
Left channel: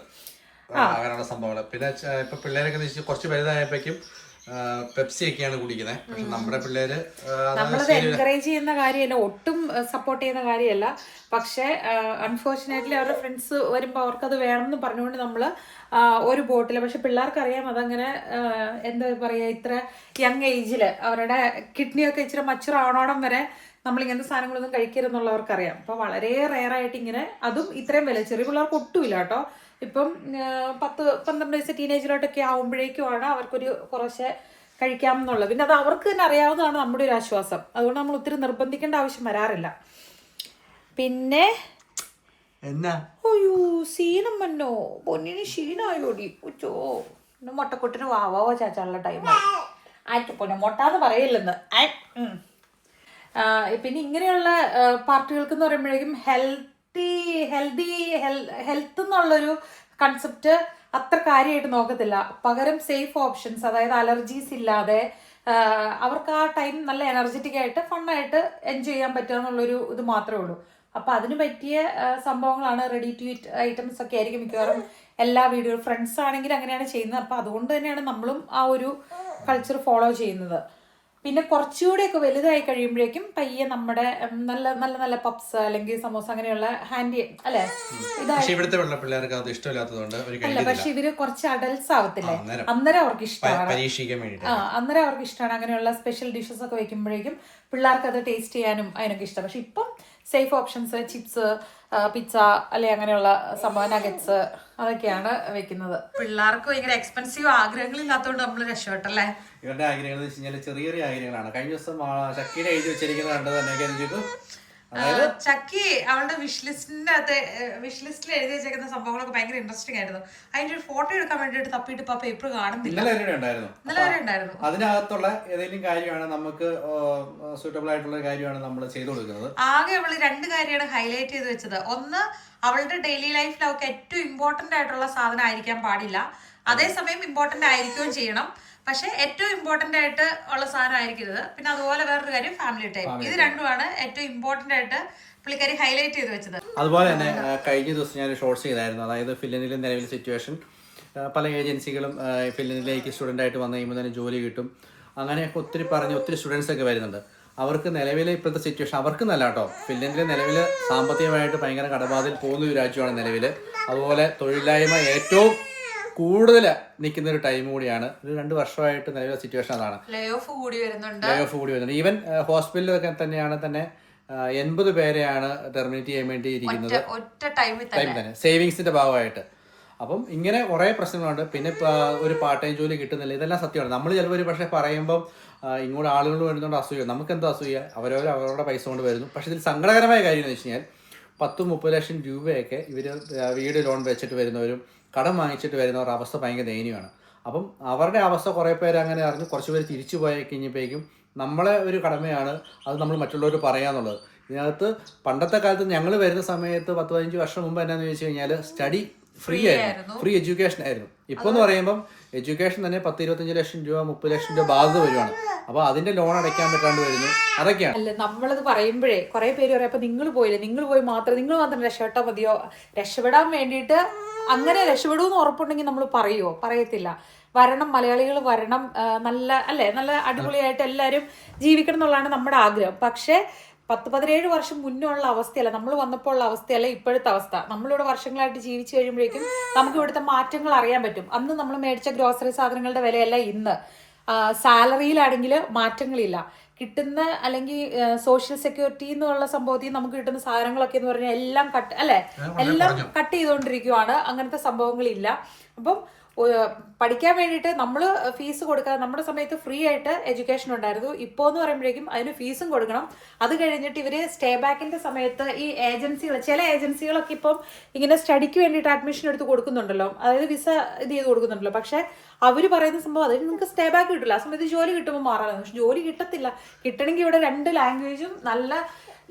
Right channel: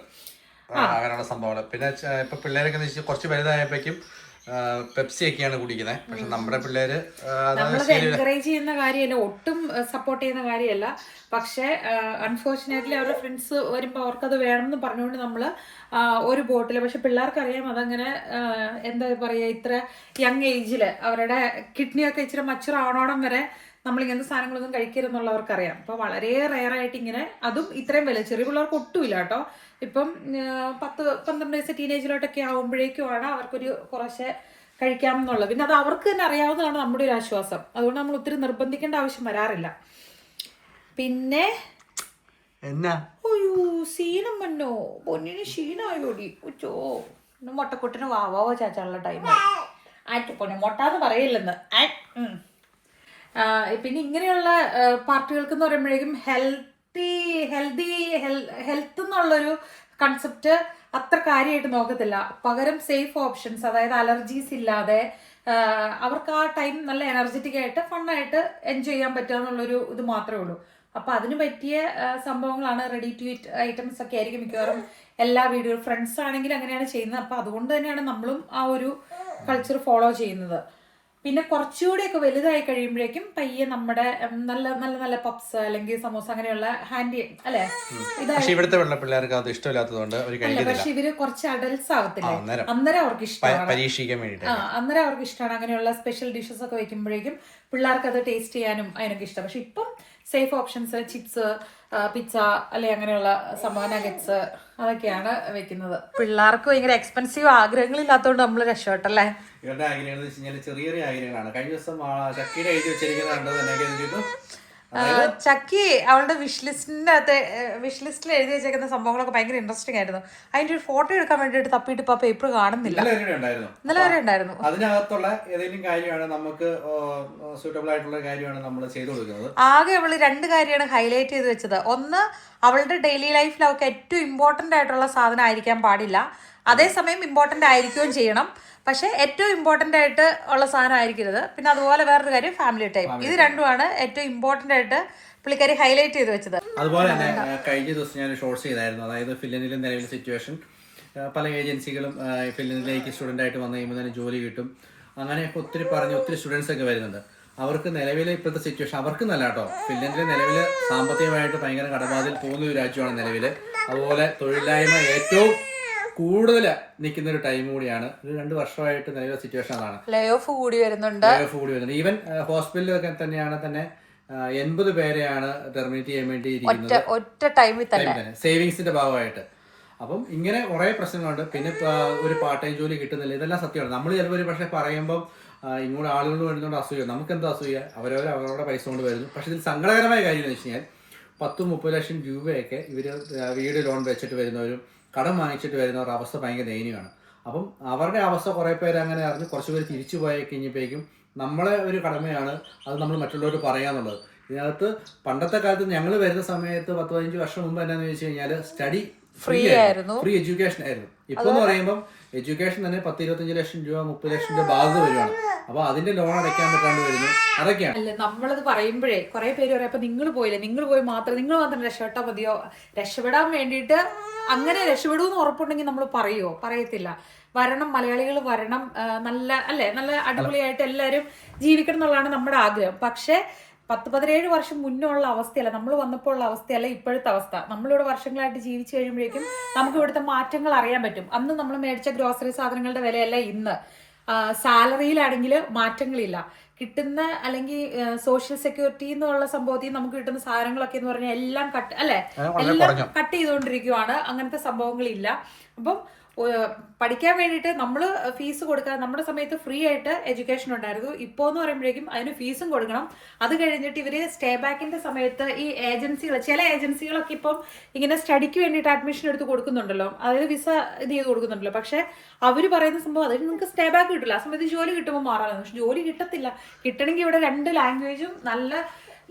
അങ്ങനെയുള്ള സംഭവങ്ങൾ. പിന്നെ ഇപ്പൊ പിള്ളേരൊക്കെ കുറച്ച് വലുതായപ്പോഴേക്കും പെപ്സി ഒക്കെയാണ് കുടിക്കുന്നത്. പക്ഷെ നമ്മുടെ പിള്ളേര് നമ്മളത് എൻകറേജ് ചെയ്യുന്ന കാര്യമല്ല, ഒട്ടും സപ്പോർട്ട് ചെയ്യുന്ന കാര്യമല്ല. പക്ഷെ അൺഫോർച്ചുനേറ്റ്ലി അവരുടെ ഫ്രണ്ട്സ് വരുമ്പോൾ അവർക്കത് വേണമെന്ന് പറഞ്ഞുകൊണ്ട് നമ്മള് ഒരു ബോട്ടിൽ. പക്ഷെ പിള്ളേർക്കറിയാം അതങ്ങനെ എന്താ പറയാ, ഇത്ര യങ് ഏജില് അവരുടെ കിഡ്നിയൊക്കെ ഇച്ചിരി മച്ചുർ ആവണോടം വരെ നമ്മളിങ്ങനത്തെ സാധനങ്ങളൊന്നും കഴിക്കരുതെന്നുള്ളവർക്കറിയാം. അപ്പൊ വളരെ റെയറായിട്ട് ഇങ്ങനെ, അതും ഇത്രയും വില ചെറിയ പിള്ളേർക്ക് ഒട്ടുമില്ല കേട്ടോ. ഇപ്പം 10-12 വയസ്സ് ടീനേജിലോട്ടൊക്കെ ആവുമ്പോഴേക്കുമാണ് അവർക്കൊരു കുറച്ച് കഴിക്കാമെന്നുള്ളത്. പിന്നെ അത് അവർക്ക് തന്നെ അറിയാവുന്നതാണ് നമ്മുടെ ഒരു ആശ്വാസം. അതുകൊണ്ട് നമ്മൾ ഒത്തിരി നിർബന്ധിക്കേണ്ട ആവശ്യം വരാറില്ല. പിന്നെ അയ്യോ സീനം മന്നോ പൊന്നിന് ക്ഷീണായോടി ഉച്ചോ മുട്ടക്കൊട്ടിന് വാവാവോ ചാച്ചാനുള്ള ടൈമായി. പൊന്നെ മുട്ടാന്ന് പറയില്ലെന്ന്. പിന്നെ ഇങ്ങനെയുള്ള പാർട്ടികൾക്ക് എന്ന് പറയുമ്പോഴേക്കും ഹെൽത്ത് എന്നുള്ളൊരു കൺസെപ്റ്റ് അത്ര കാര്യമായിട്ട് നോക്കത്തില്ല. പകരം സേഫ് ഓപ്ഷൻസ്, അതായത് അലർജീസ് ഇല്ലാതെ അവർക്ക് ആ ടൈം നല്ല എനർജറ്റിക് ആയിട്ട് ഫണ്ണായിട്ട് എൻജോയ് ചെയ്യാൻ പറ്റുക എന്നുള്ളൊരു ഇത് മാത്രമേ ഉള്ളൂ. അപ്പൊ അതിന് പറ്റിയ സംഭവങ്ങളാണ്, റെഡി ടു ഈറ്റ് ഐറ്റംസ് ഒക്കെ ആയിരിക്കും മിക്കവാറും എല്ലാ വീഡിയോ. ഫ്രണ്ട്സ് ആണെങ്കിൽ അങ്ങനെയാണ് ചെയ്യുന്നത്. അപ്പൊ അതുകൊണ്ട് തന്നെയാണ് നമ്മളും ആ ഒരു കൾച്ചർ ഫോളോ ചെയ്യുന്നത്. പിന്നെ കുറച്ചുകൂടെയൊക്കെ വലുതായി കഴിയുമ്പോഴേക്കും പയ്യെ നമ്മുടെ നല്ല നല്ല നല്ല പപ്സ് അല്ലെങ്കിൽ സമോസ അങ്ങനെയുള്ള ഹാൻഡി അല്ലെ ഇവിടുത്തെ പിള്ളേർക്ക് അത് ഇഷ്ടമില്ലാത്തതുകൊണ്ട് അല്ല. പക്ഷെ ഇവര് കുറച്ച് അഡൽട്സ് ആവത്തില്ലേ, അന്നേരം അവർക്ക് ഇഷ്ടമാണ്. അന്നേരം അവർക്ക് ഇഷ്ടമാണ് അങ്ങനെയുള്ള സ്പെഷ്യൽ ഡിഷസ് ഒക്കെ വെക്കുമ്പോഴേക്കും പിള്ളേർക്ക് അത് ടേസ്റ്റ് ചെയ്യാനും അതിനൊക്കെ ഇഷ്ടം. പക്ഷെ ഇപ്പം സേഫ് ഓപ്ഷൻസ് ചിപ്സ്, പിസ്സ അല്ലെ അങ്ങനെയുള്ള സംഭവ നഗറ്റ്സ് അതൊക്കെയാണ് വെക്കുന്നത്. പിള്ളേർക്ക് ഭയങ്കര എക്സ്പെൻസീവ് ആഗ്രഹങ്ങളില്ലാത്തതുകൊണ്ട് നമ്മൾ രക്ഷപ്പെട്ടല്ലേ. ഇവരുടെ ആഗ്രഹങ്ങൾ എന്ന് വെച്ച് കഴിഞ്ഞാൽ ചെറിയ ചെറിയ ആഗ്രഹങ്ങളാണ്. കഴിഞ്ഞ ദിവസം ചക്കിയുടെ എഴുതി വെച്ചിരിക്കുന്നത് കണ്ടത് തന്നെ. ചക്കി അവളുടെ വിഷ് ലിസ്റ്റിൽ എഴുതി വെച്ചേക്കുന്ന സംഭവങ്ങളൊക്കെ ഭയങ്കര ഇൻട്രസ്റ്റിംഗ് ആയിരുന്നു. അതിന്റെ ഒരു ഫോട്ടോ എടുക്കാൻ വേണ്ടിയിട്ട് തപ്പിയിട്ട് ഇപ്പൊ പേപ്പർ കാണുന്നില്ല. ഇന്നലെ വരെ ഉണ്ടായിരുന്നു. അതിനകത്തുള്ള ഏതെങ്കിലും കാര്യമാണ് നമുക്ക് സൂട്ടബിൾ ആയിട്ടുള്ള കാര്യമാണ് നമ്മൾ ചെയ്തു കൊടുക്കുന്നത്. ആകെ അവള് 2 കാര്യമാണ് ഹൈലൈറ്റ് ചെയ്ത് വെച്ചത്. ഒന്ന്, അവളുടെ ഡെയിലി ലൈഫിൽ അവൾക്ക് ഏറ്റവും ഇമ്പോർട്ടന്റ് ആയിട്ടുള്ള സാധനം ആയിരിക്കാൻ പാടില്ല, അതേസമയം ഇമ്പോർട്ടന്റ് ആയിരിക്കുകയും ചെയ്യണം. പക്ഷെ ഏറ്റവും ഇമ്പോർട്ടന്റ് ആയിട്ട് ഉള്ള സാധനം ആയിരിക്കരുത്. പിന്നെ അതുപോലെ വേറൊരു കാര്യം ഫാമിലി ടൈം. ഇത് രണ്ടുമാണ് ഏറ്റവും ഇമ്പോർട്ടന്റ് ആയിട്ട് പുള്ളിക്കാരി ഹൈലൈറ്റ് ചെയ്ത് വെച്ചത്. അതുപോലെ തന്നെ കഴിഞ്ഞ ദിവസം ഞാൻ ഷോർട്സ് ചെയ്തായിരുന്നു. അതായത് ഫിലിനിലെ നിലവിലെ സിറ്റുവേഷൻ, പല ഏജൻസികളും ഫിലിനിലേക്ക് സ്റ്റുഡൻ്റ് ആയിട്ട് വന്നു കഴിയുമ്പോൾ തന്നെ ജോലി കിട്ടും, അങ്ങനെയൊക്കെ ഒത്തിരി സ്റ്റുഡൻസ് ഒക്കെ വരുന്നുണ്ട്. അവർക്ക് നിലവിലെ ഇപ്പോഴത്തെ സിറ്റുവേഷൻ അവർക്ക് നല്ല കേട്ടോ. ഫിൻലൻഡിൽ നിലവിൽ സാമ്പത്തികമായിട്ട് ഭയങ്കര കടബാധയിൽ പോകുന്ന ഒരു രാജ്യമാണ് നിലവിൽ. അതുപോലെ തൊഴിലില്ലായ്മ ഏറ്റവും കൂടുതൽ നിൽക്കുന്ന ഒരു ടൈം കൂടിയാണ്. ഒരു 2 വർഷമായിട്ട് നിലവിലെ സിറ്റുവേഷൻ അതാണ്. ലേ ഓഫ് കൂടി വരുന്നുണ്ട്. ഈവൻ ഹോസ്പിറ്റലിലൊക്കെ തന്നെ 80 പേരെയാണ് ടെർമിനേറ്റ് ചെയ്യാൻ വേണ്ടി ഇരിക്കുന്നത് ഒറ്റ ടൈമിൽ തന്നെ സേവിങ്സിന്റെ ഭാഗമായിട്ട്. അപ്പം ഇങ്ങനെ കുറെ പ്രശ്നങ്ങളുണ്ട്. പിന്നെ ഒരു പാർട്ട് ടൈം ജോലി കിട്ടുന്നില്ല. ഇതെല്ലാം സത്യമാണ്. നമ്മൾ ചിലപ്പോൾ ഒരു പക്ഷേ പറയുമ്പം ഇങ്ങോട്ട് ആളുകൾ വരുന്നതുകൊണ്ട് അസൂയ, നമുക്ക് എന്താ അസൂയ, അവരവരുടെ പൈസ കൊണ്ട് വരുന്നു. പക്ഷെ ഇതിൽ സങ്കടകരമായ കാര്യം എന്ന് വെച്ച് കഴിഞ്ഞാൽ 10-30 ലക്ഷം രൂപയൊക്കെ ഇവർ വീട് ലോൺ വെച്ചിട്ട് വരുന്നവരും കടം വാങ്ങിച്ചിട്ട് വരുന്നവരുടെ അവസ്ഥ ഭയങ്കര ദയനീയമാണ്. അപ്പം അവരുടെ അവസ്ഥ കുറേ പേര് അങ്ങനെ അറിഞ്ഞ് കുറച്ച് പേര് തിരിച്ചു പോയി കഴിഞ്ഞപ്പോഴേക്കും നമ്മളെ ഒരു കടമയാണ് അത് നമ്മൾ മറ്റുള്ളവർ പറയാന്നുള്ളത്. ഇതിനകത്ത് പണ്ടത്തെ കാലത്ത് ഞങ്ങൾ വരുന്ന സമയത്ത് 10-15 വർഷം മുമ്പ് എന്നാന്ന് ചോദിച്ചു കഴിഞ്ഞാൽ സ്റ്റഡി ഫ്രീ എഡ്യൂക്കേഷൻ ആയിരുന്നു. ഇപ്പൊ എന്ന് പറയുമ്പോൾ എഡ്യൂക്കേഷൻ തന്നെ 10-25 ലക്ഷം രൂപ 30 ലക്ഷം രൂപ ബാധ്യത വരുവാണ്. അപ്പൊ അതിന്റെ ലോൺ അടയ്ക്കാൻ പറ്റാണ്ട് വരുന്നു. അതൊക്കെയാണ്. അല്ല, നമ്മളത് പറയുമ്പോഴേ കുറെ പേര് പറയാം അപ്പൊ നിങ്ങൾ പോയി മാത്രം രക്ഷപ്പെട്ടാൽ മതിയോ, രക്ഷപ്പെടാൻ വേണ്ടിയിട്ട് അങ്ങനെ രക്ഷപ്പെടുമെന്ന് ഉറപ്പുണ്ടെങ്കിൽ നമ്മൾ പറയുമോ? പറയത്തില്ല. വരണം, മലയാളികൾ വരണം, നല്ല അടിപൊളിയായിട്ട് എല്ലാവരും ജീവിക്കണം എന്നുള്ളതാണ് നമ്മുടെ ആഗ്രഹം. പക്ഷെ 10-17 വർഷം മുന്നേ ഉള്ള അവസ്ഥയല്ല, നമ്മൾ വന്നപ്പോൾ ഉള്ള അവസ്ഥയല്ല ഇപ്പോഴത്തെ അവസ്ഥ. നമ്മളിവിടെ വർഷങ്ങളായിട്ട് ജീവിച്ചു കഴിയുമ്പോഴേക്കും നമുക്ക് ഇവിടുത്തെ മാറ്റങ്ങൾ അറിയാൻ പറ്റും. അന്ന് നമ്മൾ മേടിച്ച ഗ്രോസറി സാധനങ്ങളുടെ വിലയല്ല ഇന്ന്. സാലറിയിലാണെങ്കിൽ മാറ്റങ്ങളില്ല. കിട്ടുന്ന അല്ലെങ്കിൽ സോഷ്യൽ സെക്യൂരിറ്റി എന്നുള്ള സംഭവത്തിൽ നമുക്ക് കിട്ടുന്ന സാധനങ്ങളൊക്കെ എന്ന് പറഞ്ഞാൽ എല്ലാം എല്ലാം കട്ട് ചെയ്തുകൊണ്ടിരിക്കുവാണ്. അങ്ങനത്തെ സംഭവങ്ങളില്ല. അപ്പം പഠിക്കാൻ വേണ്ടിയിട്ട് നമ്മൾ ഫീസ് കൊടുക്കാതെ നമ്മുടെ സമയത്ത് ഫ്രീ ആയിട്ട് എഡ്യൂക്കേഷൻ ഉണ്ടായിരുന്നു. ഇപ്പോൾ എന്ന് പറയുമ്പോഴേക്കും അതിന് ഫീസും കൊടുക്കണം. അത് കഴിഞ്ഞിട്ട് ഇവര് സ്റ്റേ ബാക്കിന്റെ സമയത്ത് ഈ ചില ഏജൻസികളൊക്കെ ഇപ്പം ഇങ്ങനെ സ്റ്റഡിക്ക് വേണ്ടിയിട്ട് അഡ്മിഷൻ എടുത്ത് കൊടുക്കുന്നുണ്ടല്ലോ, അതായത് വിസ ഇത് ചെയ്ത് കൊടുക്കുന്നുണ്ടല്ലോ. പക്ഷെ അവര് പറയുന്ന സംഭവം അതിന് നിങ്ങൾക്ക് സ്റ്റേ ബാക്ക് കിട്ടില്ല. ആ സമയത്ത് ജോലി കിട്ടുമ്പോൾ മാറാനാണ്. പക്ഷെ ജോലി കിട്ടത്തില്ല. കിട്ടണമെങ്കിൽ ഇവിടെ 2 ലാംഗ്വേജും നല്ല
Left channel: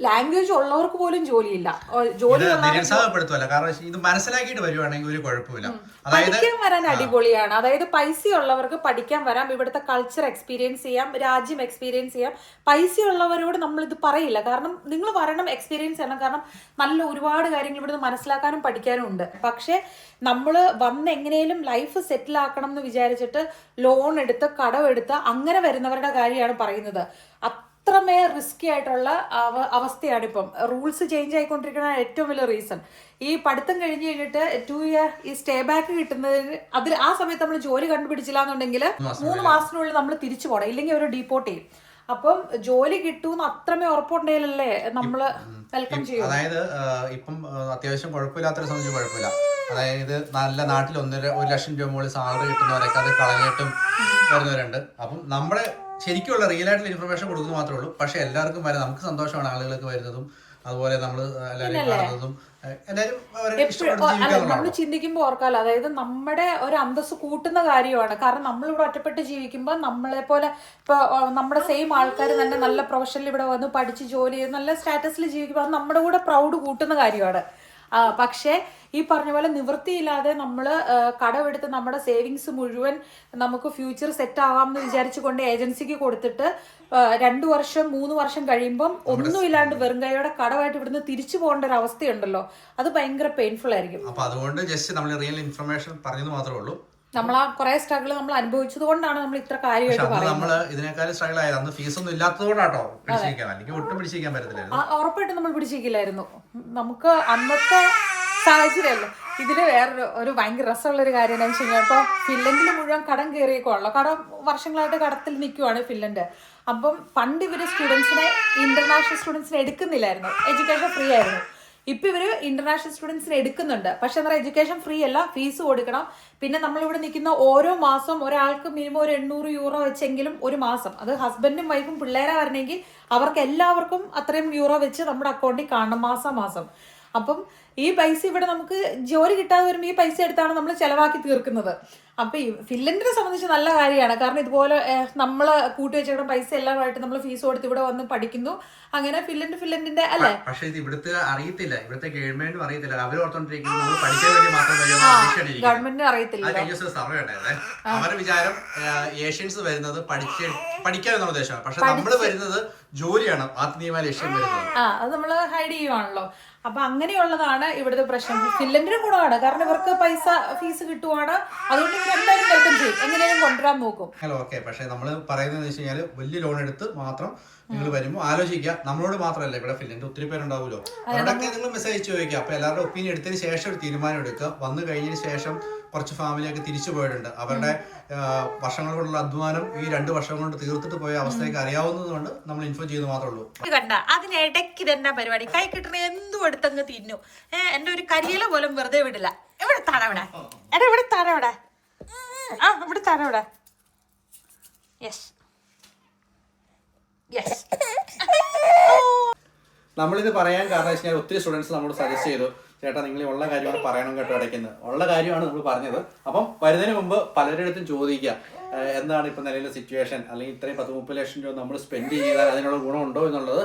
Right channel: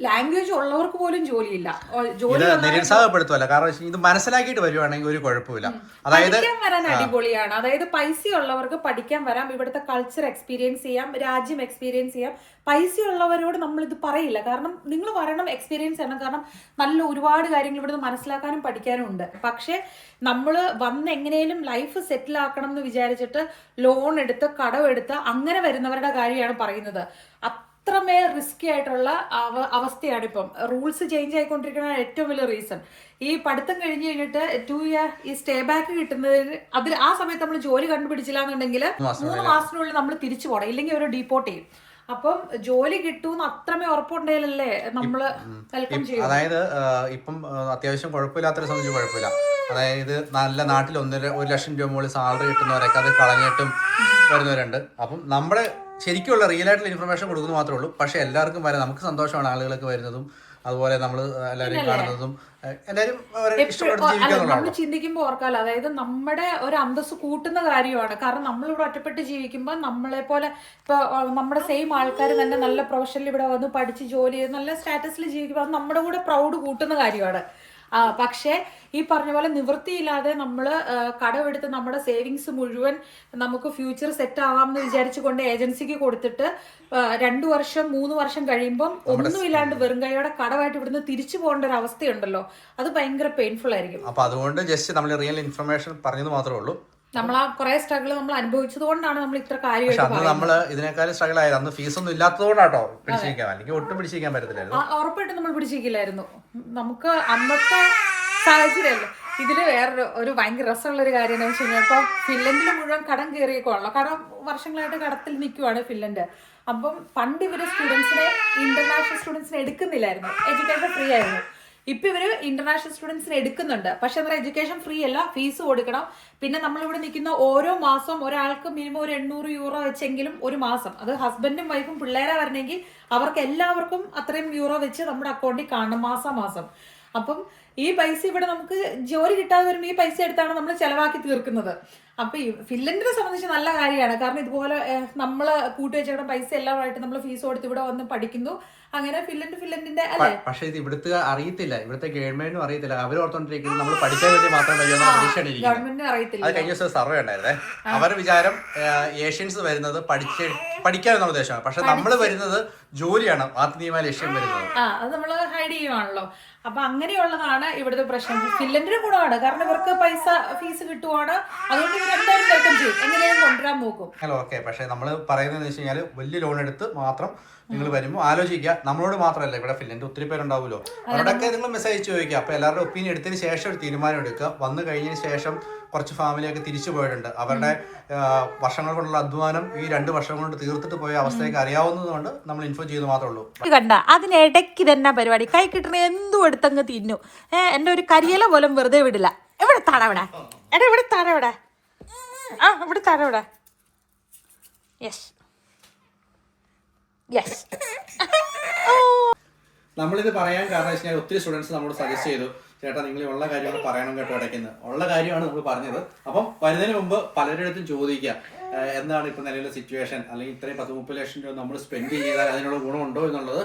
ലാംഗ്വേജ് ഉള്ളവർക്ക് പോലും ജോലിയില്ല. നിരുത്സാഹപ്പെടുത്തുമല്ല, കാരണം ഇത് മനസ്സിലാക്കിയിട്ട് വരുവാണെങ്കിൽ ഒരു കുഴപ്പമില്ല. അതായത് പഠിക്കാൻ വരാൻ അടിപൊളിയാണ്. അതായത് പൈസ ഉള്ളവർക്ക് പഠിക്കാൻ വരാം, ഇവിടുത്തെ കൾച്ചർ എക്സ്പീരിയൻസ് ചെയ്യാം, രാജ്യം എക്സ്പീരിയൻസ് ചെയ്യാം. പൈസ ഉള്ളവരോട് നമ്മളിത് പറയില്ല. കാരണം നിങ്ങൾ വരണം, എക്സ്പീരിയൻസ് ചെയ്യണം. കാരണം നല്ല ഒരുപാട് കാര്യങ്ങൾ ഇവിടുന്ന് മനസ്സിലാക്കാനും പഠിക്കാനും ഉണ്ട്. പക്ഷെ നമ്മൾ വന്ന് എങ്ങനെയും ലൈഫ് സെറ്റിൽ ആക്കണം എന്ന് വിചാരിച്ചിട്ട് ലോൺ എടുത്ത് കടമെടുത്ത് അങ്ങനെ വരുന്നവരുടെ കാര്യമാണ് പറയുന്നത്. അത്രമേ റിസ്കി ആയിട്ടുള്ള അവസ്ഥയാണ് ഇപ്പം. റൂൾസ് ചേഞ്ച് ആയിക്കൊണ്ടിരിക്കുന്ന ഏറ്റവും വലിയ റീസൺ ഈ പഠിത്തം കഴിഞ്ഞ് കഴിഞ്ഞിട്ട് 2 ഇയർ ഈ സ്റ്റേ ബാക്ക് കിട്ടുന്നതിന് ആ സമയത്ത് നമ്മൾ ജോലി കണ്ടുപിടിച്ചില്ല എന്നുണ്ടെങ്കിൽ 3 മാസത്തിനുള്ളിൽ നമ്മൾ തിരിച്ചു പോകണം, ഇല്ലെങ്കിൽ അവർ ഡീപ്പോർട്ട് ചെയ്യും. അപ്പം ജോലി കിട്ടൂന്ന് അത്രമേ ഉറപ്പുണ്ടെങ്കിലല്ലേ നമ്മള് വെൽക്കം ചെയ്യും. അതായത് ഇപ്പം അത്യാവശ്യം കുഴപ്പമില്ലാത്തൊരു സംബന്ധിച്ച് കുഴപ്പമില്ല. അതായത് നല്ല നാട്ടിൽ 1 ലക്ഷം രൂപ മുകളിൽ സാലറി കിട്ടുന്നവരൊക്കെ അത് കളഞ്ഞിട്ടും വരുന്നവരുണ്ട്. അപ്പം നമ്മുടെ ശരിക്കുള്ള റിയൽ ആയിട്ടുള്ള ഇൻഫർമേഷൻ കൊടുക്കുന്നത് മാത്രമേ ഉള്ളൂ. പക്ഷെ എല്ലാവർക്കും വരാം, നമുക്ക് സന്തോഷമാണ് ആളുകൾക്ക് വരുന്നതും അതുപോലെ നമ്മൾ എല്ലാവരും കാണുന്നതും നമ്മൾ ചിന്തിക്കുമ്പോൾ ഓർക്കാലോ, അതായത് നമ്മുടെ ഒരു അന്തസ്സ് കൂട്ടുന്ന കാര്യമാണ്. കാരണം നമ്മളിവിടെ ഒറ്റപ്പെട്ട് ജീവിക്കുമ്പോൾ നമ്മളെ പോലെ ഇപ്പൊ നമ്മുടെ സെയിം ആൾക്കാർ തന്നെ നല്ല പ്രൊഫഷനിൽ ഇവിടെ വന്ന് പഠിച്ച് ജോലി ചെയ്ത് നല്ല സ്റ്റാറ്റസിൽ ജീവിക്കുമ്പോൾ അത് നമ്മുടെ കൂടെ പ്രൗഡ് കൂട്ടുന്ന കാര്യമാണ്. പക്ഷേ ഈ പറഞ്ഞ പോലെ നിവൃത്തിയില്ലാതെ നമ്മൾ കടമെടുത്ത് നമ്മുടെ സേവിങ്സ് മുഴുവൻ നമുക്ക് ഫ്യൂച്ചർ സെറ്റ് ആവാമെന്ന് വിചാരിച്ചുകൊണ്ട് ഏജൻസിക്ക് കൊടുത്തിട്ട് 2 വർഷം 3 വർഷം കഴിയുമ്പം ഒന്നുമില്ലാണ്ട് വെറും കൈയോടെ കടമായിട്ട് ഇവിടുന്ന് തിരിച്ചു പോകേണ്ട ഒരു അവസ്ഥയുണ്ടല്ലോ, അത് ഭയങ്കര പെയിൻഫുൾ ആയിരിക്കും. അപ്പൊ അതുകൊണ്ട് ജസ്റ്റ് നമ്മൾ റിയൽ ഇൻഫർമേഷൻ പറഞ്ഞത് മാത്രമേ ഉള്ളൂ. നമ്മൾ ആ കുറെ സ്ട്രഗിൾ നമ്മൾ അനുഭവിച്ചത് കൊണ്ടാണ് നമ്മൾ ഇത്ര കാര്യമായിട്ട് നമ്മള് ഇതിനേക്കാളും സ്ട്രഗിൾ ആയത്. അന്ന് ഫീസ് ഒന്നും ഇല്ലാത്തതുകൊണ്ടാട്ടോ പിടിച്ചിരിക്കാൻ, അല്ലെങ്കിൽ ഒട്ടും പിടിച്ചിരിക്കാൻ പറ്റത്തില്ലായിരുന്നു. ഉറപ്പായിട്ടും നമ്മൾ പിടിച്ചിരിക്കില്ലായിരുന്നു. നമുക്ക് അന്നത്തെ സാഹചര്യമല്ല. ഇതില് വേറൊരു ഭയങ്കര രസമുള്ള ഒരു കാര്യം എന്താണെന്ന് വെച്ച് കഴിഞ്ഞാൽ, ഇപ്പൊ ഫിൻലൻഡിൽ മുഴുവൻ കടം കയറിയേക്കുവാണല്ലോ. കടം വർഷങ്ങളായിട്ട് കടത്തിൽ നിൽക്കുവാണ് ഫിൻലൻഡ്. അപ്പം പണ്ട് ഇവര് ഇന്റർനാഷണൽ സ്റ്റുഡൻസിനെ എടുക്കുന്നില്ലായിരുന്നു, എഡ്യൂക്കേഷൻ ഫ്രീ ആയിരുന്നു. ഇപ്പൊ ഇവര് ഇന്റർനാഷണൽ സ്റ്റുഡൻസിനെ എടുക്കുന്നുണ്ട്. പക്ഷെ എന്താ പറയുക, എഡ്യൂക്കേഷൻ ഫ്രീ അല്ല, ഫീസ് കൊടുക്കണം. പിന്നെ നമ്മളിവിടെ നിൽക്കുന്ന ഓരോ മാസം ഒരാൾക്ക് മിനിമം ഒരു 800 യൂറോ വെച്ചെങ്കിലും ഒരു മാസം, അത് ഹസ്ബൻഡും വൈഫും പിള്ളേരാ വരണമെങ്കിൽ അവർക്ക് എല്ലാവർക്കും അത്രയും യൂറോ വെച്ച് നമ്മുടെ അക്കൗണ്ടിൽ കാണണം മാസം. അപ്പം ഈ പൈസ ഇവിടെ നമുക്ക് ജോലി കിട്ടാതെ വരുമ്പോൾ ഈ പൈസ എടുത്താണ് നമ്മൾ ചെലവാക്കി തീർക്കുന്നത്. അപ്പൊ ഈ ഫിൻലൻഡിനെ സംബന്ധിച്ച് നല്ല കാര്യമാണ്. കാരണം ഇതുപോലെ നമ്മൾ കൂട്ടിവെച്ചിട പൈസ എല്ലാമായിട്ട് നമ്മൾ ഫീസ് കൊടുത്ത് ഇവിടെ വന്ന് പഠിക്കുന്നു. അങ്ങനെ ഫിൻലൻഡിന്റെ അല്ലേ. പക്ഷെ ഇത് ഇവിടുത്തെ അറിയത്തില്ല, ഇവിടുത്തെ ഗവൺമെന്റിനും അറിയത്തില്ല. അവർ ഓർത്തോണ്ടിരിക്കുന്നത് നമ്മൾ പഠിക്കാൻ വേണ്ടി മാത്രം ഗവൺമെന്റിന് അറിയത്തില്ല. അത് കഴിഞ്ഞ ദിവസം സർവേ ഉണ്ടായിരുന്നേ. അവരുടെ വിചാരം ഏഷ്യൻസ് വരുന്നത് പഠിക്കാനുള്ള ഉദ്ദേശമാണ്. പക്ഷെ നമ്മൾ വരുന്നത് ജോലിയാണ് ആത്മീയമായ ലക്ഷ്യം വരുന്നത്. അത് നമ്മൾ ഹൈഡ് ചെയ്യുവാണല്ലോ. അപ്പൊ അങ്ങനെയുള്ളതാണ് ഇവിടുത്തെ പ്രശ്നം. ഫിൻലൻഡിനും കൂടെയാണ്, കാരണം ഇവർക്ക് പൈസ ഫീസ് കിട്ടുവാണ്. അതുകൊണ്ട് ഇവർ എന്തായാലും വെൽക്കം ചെയ്യും, എങ്ങനെയും കൊണ്ടുവരാൻ നോക്കും. ഓക്കെ, പക്ഷെ നമ്മൾ പറയുന്നത് വെച്ച് കഴിഞ്ഞാൽ വലിയ ലോൺ എടുത്ത് മാത്രം നിങ്ങൾ വരുമ്പോൾ ആലോചിക്കുക. നമ്മളോട് മാത്രമല്ല, ഇവിടെ ഫിൻലൻഡ് ഒത്തിരി പേരുണ്ടാവുമല്ലോ, അവരോടൊക്കെ നിങ്ങൾ മെസ്സേജ് ചോദിക്കുക. അപ്പൊ എല്ലാവരുടെ ഒപ്പീനിയൻ എടുത്തതിന് ശേഷം ഒരു തീരുമാനം എടുക്കുക. വന്നു കഴിഞ്ഞതിന് ശേഷം കുറച്ച് ഫാമിലിയൊക്കെ തിരിച്ചു പോയിട്ടുണ്ട്. അവരുടെ വർഷങ്ങൾ കൊണ്ടുള്ള അധ്വാനം ഈ 2 വർഷം കൊണ്ട് തീർത്തിട്ട് പോയ അവസ്ഥയൊക്കെ അറിയാവുന്നതുകൊണ്ട് നമ്മൾ ഇൻഫോം ചെയ്ത് മാത്രമേ ഉള്ളൂ. കണ്ട അതിനിടയ്ക്ക് തന്നെ പരിപാടി കൈ കിട്ടണ എന്തും എടുത്തങ്ങ് തിന്നു. എൻ്റെ ഒരു കരിയില പോലും വെറുതെ വിടില്ല. എവിടെ താഴെ ഇവിടെ താഴെ ഇവിടെ താഴെ യെസ് യെസ്. നമ്മളിത് പറയാൻ കാരണം വെച്ച് കഴിഞ്ഞാൽ ഒത്തിരി സ്റ്റുഡൻസ് നമ്മളോട് സജസ്റ്റ് ചെയ്തു, ചേട്ടാ നിങ്ങൾ ഉള്ള കാര്യമാണ് പറയണം കേട്ടോ ഇടയ്ക്കുന്നത്. ഉള്ള കാര്യമാണ് നമ്മൾ പറഞ്ഞത്. അപ്പം വരുന്നതിന് മുമ്പ് പലരുടെ അടുത്തും ചോദിക്കുക, എന്താണ് ഇപ്പം നിലവിലെ സിറ്റുവേഷൻ, അല്ലെങ്കിൽ ഇത്രയും 10-30 ലക്ഷം രൂപ നമ്മൾ സ്പെൻഡ് ചെയ്താൽ അതിനുള്ള ഗുണമുണ്ടോ എന്നുള്ളത്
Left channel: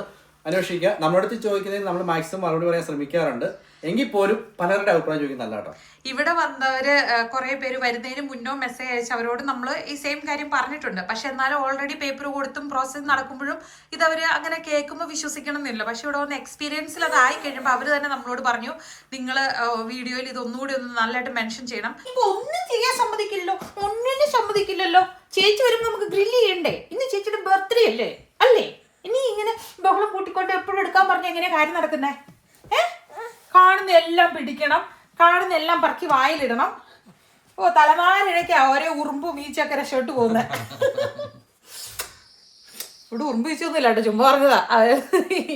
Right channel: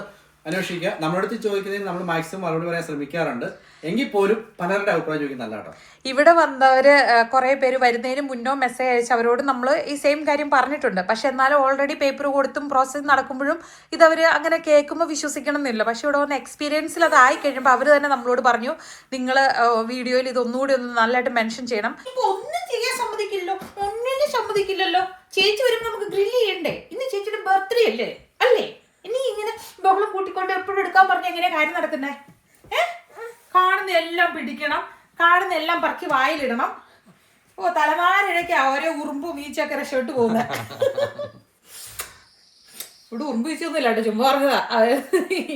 അന്വേഷിക്കുക. നമ്മുടെ അടുത്ത് ചോദിക്കുന്നതിന് നമ്മൾ മാക്സിമം മറുപടി പറയാൻ ശ്രമിക്കാറുണ്ട്. എങ്കിൽ പോലും പലരുടെ അഭിപ്രായം ചോദിക്കുന്നല്ല കേട്ടോ. ഇവിടെ വന്നവര് കുറെ പേര് വരുന്നതിന് മുന്നോ മെസ്സേജ് അയച്ച് അവരോട് നമ്മൾ ഈ സെയിം കാര്യം പറഞ്ഞിട്ടുണ്ട്. പക്ഷെ എന്നാലും ഓൾറെഡി പേപ്പർ കൊടുത്തും പ്രോസസ്സ് നടക്കുമ്പോഴും ഇതവര് അങ്ങനെ കേൾക്കുമ്പോൾ വിശ്വസിക്കണം എന്നില്ല. പക്ഷെ ഇവിടെ വന്ന എക്സ്പീരിയൻസിൽ അതായി കഴിയുമ്പോൾ അവർ തന്നെ നമ്മളോട് പറഞ്ഞു, നിങ്ങൾ വീഡിയോയിൽ ഇതൊന്നുകൂടി ഒന്ന് നല്ലതായിട്ട് മെൻഷൻ ചെയ്യണം. ഇപ്പൊ ഒന്നും ചെയ്യാൻ ഒന്നിനും സമ്മതിക്കില്ലല്ലോ. ചേച്ചി വരുമ്പോൾ നമുക്ക് ഗ്രില്ല് ചെയ്യണ്ടേ? ഇന്ന് ചേച്ചിയുടെ ബർത്ത്ഡേ അല്ലേ? ഇനി ഇങ്ങനെ ബഹളം കൂട്ടിക്കൊണ്ട് എപ്പോഴും എടുക്കാൻ പറഞ്ഞ എങ്ങനെയാ കാര്യം നടക്കുന്നേ? കാണുന്ന എല്ലാം പിടിക്കണം, കാണുന്ന എല്ലാം പറക്കി വായിലിടണം. തലമാരിഴയ്ക്കാ ഓരോ ഉറുമ്പും ഈച്ചൊക്കെ രക്ഷപ്പെട്ട് പോകുന്നത്. ഇവിടെ ഉറുമ്പ് ഈച്ചൊന്നുമില്ല കേട്ടോ, ചുമ്മാ പറഞ്ഞതാ.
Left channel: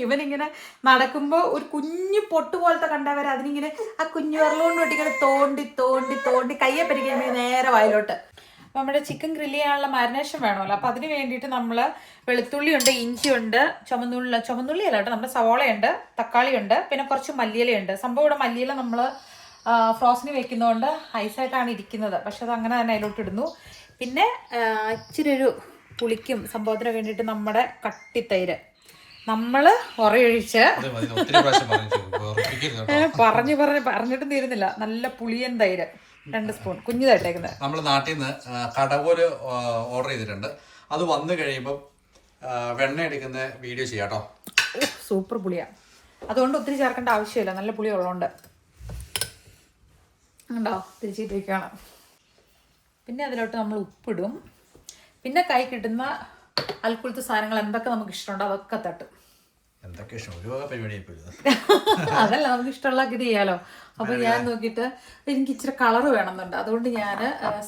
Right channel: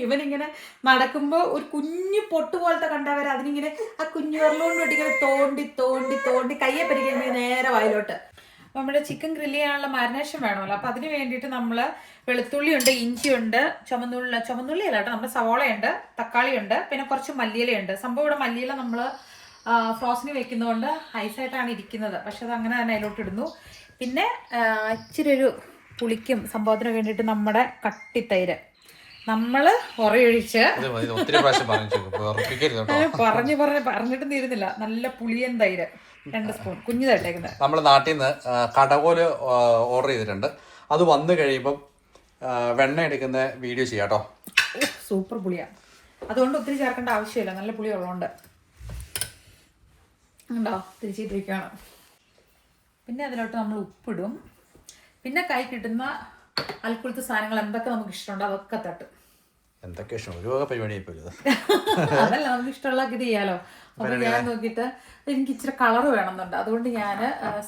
ഇവനിങ്ങനെ നടക്കുമ്പോ ഒരു കുഞ്ഞു പൊട്ട് പോലത്തെ കണ്ടവരെ അതിനിങ്ങനെ ആ കുഞ്ഞു വിരലുകൊണ്ട് ഇങ്ങനെ തോണ്ടി തോണ്ടി തോണ്ടി കയ്യെ പരിക്കാൻ നേരെ വായിലോട്ട്. അപ്പം നമ്മുടെ ചിക്കൻ ഗ്രില്ല് ചെയ്യാനുള്ള മാരിനേഷൻ വേണമല്ലോ. അപ്പം അതിന് വേണ്ടിയിട്ട് നമ്മൾ വെളുത്തുള്ളിയുണ്ട്, ഇഞ്ചിയുണ്ട്, ചുമന്നുള്ളി അല്ല കേട്ടോ, നമ്മുടെ സവോളയുണ്ട്, തക്കാളിയുണ്ട്, പിന്നെ കുറച്ച് മല്ലിയിലയുണ്ട്. സംഭവം ഇവിടെ മല്ലിയില നമ്മൾ ഫ്രോസിന് വെക്കുന്നതുകൊണ്ട് ഐസായിട്ടാണ് ഇരിക്കുന്നത്. പക്ഷെ അത് അങ്ങനെ തന്നെ അതിലോട്ട് ഇടുന്നു. പിന്നെ ഇച്ചിരി ഒരു പുളിക്കും സംഭവത്തിന് വേണ്ടിയിട്ട് നമ്മുടെ കട്ടിത്തൈര് നമ്മൾ ഉറയൊഴിച്ച് പറഞ്ഞിട്ടും തീരുന്നില്ല. നല്ല പുളിയൻ തൈര് 2 സ്പൂൺ കുഞ്ഞിതായിട്ടേക്കുന്നത്. നമ്മൾ നാട്ടിൽ നിന്ന് കടകോല് ഓർഡർ ചെയ്തിട്ടുണ്ട്. അത് വന്നു കഴിയുമ്പം വെണ്ണ എടുക്കുന്ന വീഡിയോ ചെയ്യാം കേട്ടോ. സൂപ്പർ പുളിയാണ്. അതുകൊണ്ട് ഒത്തിരി ചേർക്കേണ്ട ആവശ്യമില്ല, നല്ല പുളി ഉള്ളതുകൊണ്ട്. ഉണ്ടോ? തിരിച്ചിട്ടിരിക്കണം. പിന്നെ അതിലോട്ട് നമ്മൾ ഉപ്പിടും. പിന്നെ കൈ കിട്ടുന്ന അൽക്കുലത്തെ സാധനങ്ങൾ എന്തൊക്കെ നമുക്ക് ഇഷ്ടമുണ്ടോ അതൊക്കെ തട്ടും. എന്തൊക്കെ ഇഷ്ടം, ഒരു വക പരിപാടി അതല്ല, നമുക്ക് ഇഷ്ടമുള്ള ഇത് ചെയ്യാലോ. അപ്പൊ ഞാൻ നോക്കിയിട്ട് എനിക്ക് ഇച്ചിരി കളർ വേണമെന്നുണ്ട്. അതുകൊണ്ട് ഞാൻ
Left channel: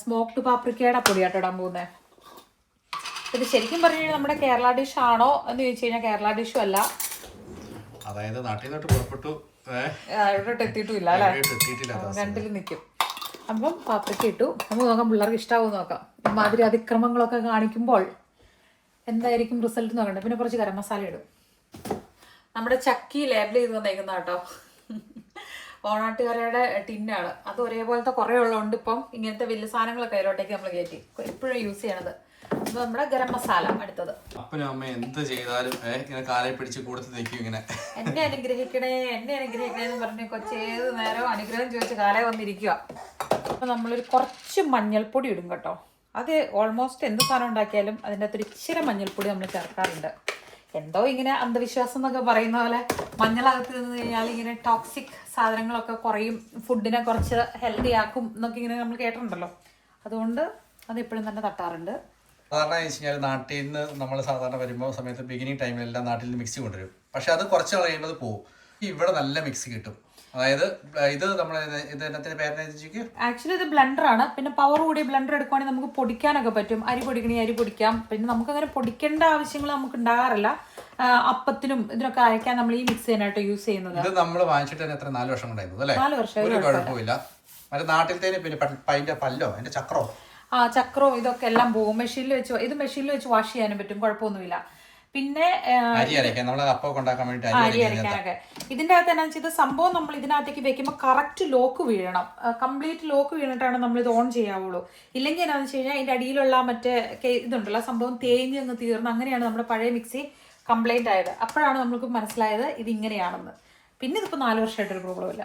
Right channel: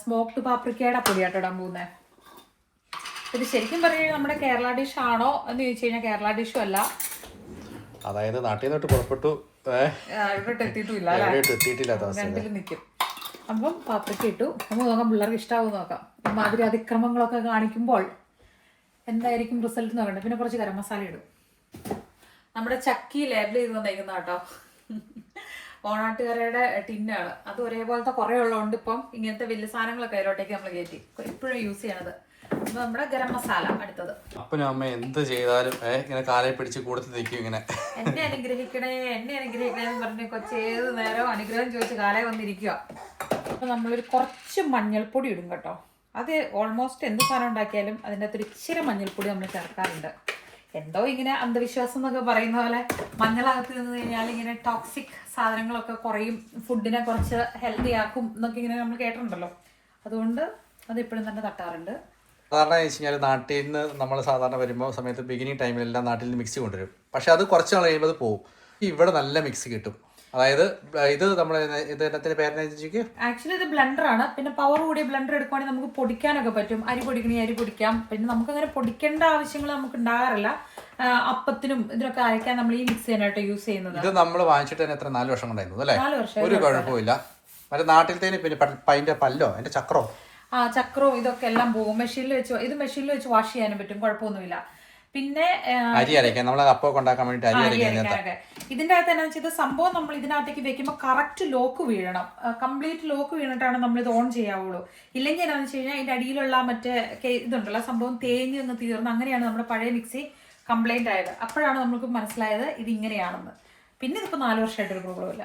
സ്മോക്ഡ് പാപ്രിക്കയുടെ പൊടിയാട്ടോ ഇടാൻ പോകുന്നത്. ഇത് ശരിക്കും പറഞ്ഞു കഴിഞ്ഞാൽ നമ്മുടെ കേരള ഡിഷ് ആണോ എന്ന് ചോദിച്ചു കഴിഞ്ഞാൽ കേരള ഡിഷും അല്ല. അതായത് നാട്ടിൽ നിന്നിട്ട് പുറപ്പെട്ടു, ഇവിടോട്ട് എത്തിയിട്ടില്ല അല്ലെ, രണ്ടിലും നിൽക്കും. അപ്പം പാപ്രിക്ക ഇട്ടു. നമുക്ക് നോക്കാം പിള്ളേർക്ക് ഇഷ്ടാവും നോക്കാം. ഇമാതിരി അതിക്രമങ്ങളൊക്കെ കാണിക്കുമ്പോൾ എന്തായിരിക്കും റിസൾട്ട് നോക്കണ്ടേ. പിന്നെ കുറച്ച് ഗരം മസാല ഇടും. നമ്മുടെ ചക്കി ലേബിൾ ചെയ്ത് വന്നേക്കുന്ന കേട്ടോ, ഓണാട്ടുകരയുടെ ടിന്നാണ്. അത് ഒരേപോലത്തെ കുറേ ഉള്ളതുകൊണ്ട് ഇപ്പം ഇങ്ങനത്തെ വലിയ സാധനങ്ങളൊക്കെ അതിലോട്ടേക്ക് നമ്മൾ കയറ്റി എപ്പോഴും യൂസ് ചെയ്യണത്. അപ്പൊ നമ്മുടെ ഗരം മസാല അടുത്തത്. അപ്പനും അമ്മ എന്ത് ചെയ്താലും ഇങ്ങനെ കാലയെ പിടിച്ച് കൊടുത്ത് നിൽക്കും. ഇങ്ങനെ എന്നെ അനുഗ്രഹിക്കണേ എന്ന് പറഞ്ഞ് കൊച്ചേത് നേരം അനുഗ്രഹം ചോദിച്ച് കാലയെ വന്നിരിക്കുക. അപ്പൊ നമ്മളൊരു കുറച്ച് മഞ്ഞൾപ്പൊടി ഇടും കേട്ടോ. അത് ഓൾമോസ്റ്റ് എന്ത് സാധനം ഉണ്ടാക്കിയാലും അതിൻ്റെ അകത്തൊരു ഇച്ചിരി മഞ്ഞൾപ്പൊടി നമ്മൾ ചേർക്കാറുണ്ട്. എന്തോ ഇങ്ങനെ അന്ധവിശ്വാസം എന്നൊക്കെ പറയുന്ന പോലെ മഞ്ഞളകത്ത് നിന്ന് കഴിഞ്ഞാൽ ഇങ്ങനെ ടോക്സിക് സാധനങ്ങളൊക്കെ കുറയും, ഫുഡിനെ കുറച്ച് ഹെൽത്തി ആക്കും എന്നൊക്കെ ഇങ്ങനെ നമ്മൾ കേട്ടിട്ടുണ്ടല്ലോ. അതുകൊണ്ട് അത് എപ്പോഴും തന്നെ തട്ടാറുണ്ട്. സാധാരണ വെച്ച് കഴിഞ്ഞാൽ നാട്ടിൽ നിന്ന് നമ്മൾ സാധാരണ വരുമ്പോൾ സമയത്ത് ബിഗിനിങ് ടൈമിലെല്ലാം നാട്ടിൽ നിന്ന് മിക്സി കൊണ്ടുവരും. പക്ഷെ അത് കുറച്ച് നാൾ കഴിയുമ്പോൾ അത് പോകും. ഇവിടെ നല്ല മിക്സി കിട്ടും. അതായത് ഇത് നമ്മുടെ ഇതിനകത്തിന്റെ പേരെന്താ? ആക്ച്വലി ഇത് ബ്ലെൻഡറാണ്. പിന്നെ പവർ കൂടിയ ബ്ലെൻഡർ എടുക്കുവാണെങ്കിൽ നമുക്ക് പൊടിക്കാനൊക്കെ പറ്റും. അരി പൊടിക്കണമെങ്കിൽ അരി പൊടിക്കാം. പിന്നെ നമുക്ക് അങ്ങനെ പൊടിക്കേണ്ട ആവശ്യങ്ങൾ നമുക്ക് ഉണ്ടാകാറില്ല. അപ്പത്തിനും ഇതിനൊക്കെ അരയ്ക്കാൻ നമ്മൾ ഈ മിക്സി തന്നെയായിട്ട് യൂസ് ചെയ്യുന്നത്. ഇത് നമ്മൾ വാങ്ങിച്ചിട്ട് തന്നെ എത്ര 4 വർഷം കൊണ്ടായിരുന്നു അല്ലേ? 4 വർഷം. ഒരു കുഴപ്പമില്ല. മറ്റേ നാട്ടിലത്തേന് പിന്നെ അതിന്റെ പല്ലോ അതിന്റെ ചക്രോ ചക്രവും ഇതൊക്കെ എല്ലാം പോകും. മെഷീനിൽ വെച്ച് വാഷ് ചെയ്യാനും പറ്റും, കുഴപ്പമൊന്നുമില്ല. പിന്നെ അരി അരയ്ക്കാൻ നമ്മൾ അപ്പം ഉണ്ടാക്കാൻ വേണ്ടി അരി അരയ്ക്കാനൊക്കെ ഇതിന്റെ അകത്ത് എന്നാ വെച്ചാൽ സംഭവം നമ്മൾ ഇതിനകത്തേക്ക് വെക്കുമ്പോൾ കറക്റ്റ് ലോക്ക് വീഴണം. കംപ്ലീറ്റ് ലോക്ക് വീണിട്ടാണ് നമ്മൾ ഇത് ഓൺ ചെയ്യാവുള്ളൂ. ഇല്ലെങ്കിൽ എന്നാന്ന് വെച്ച് കഴിഞ്ഞാൽ ഇതിന്റെ അടിയിലുള്ള മറ്റേ ഇതുണ്ടല്ലോ സംഭവം തേഞ്ഞ് അങ്ങ് തീർന്ന് അങ്ങനെയാണ് നമ്മുടെ പഴയ മിക്സി കംപ്ലൈന്റ് ആയത്. അപ്പോഴാണ് നമുക്ക് മനസ്സിലായത് ഇത് ഇങ്ങനെയാണെന്ന്. പിന്നെ ഇതിപ്പോ 4 വർഷമായിട്ടൊരു പ്രോബ്ലം ഇല്ല.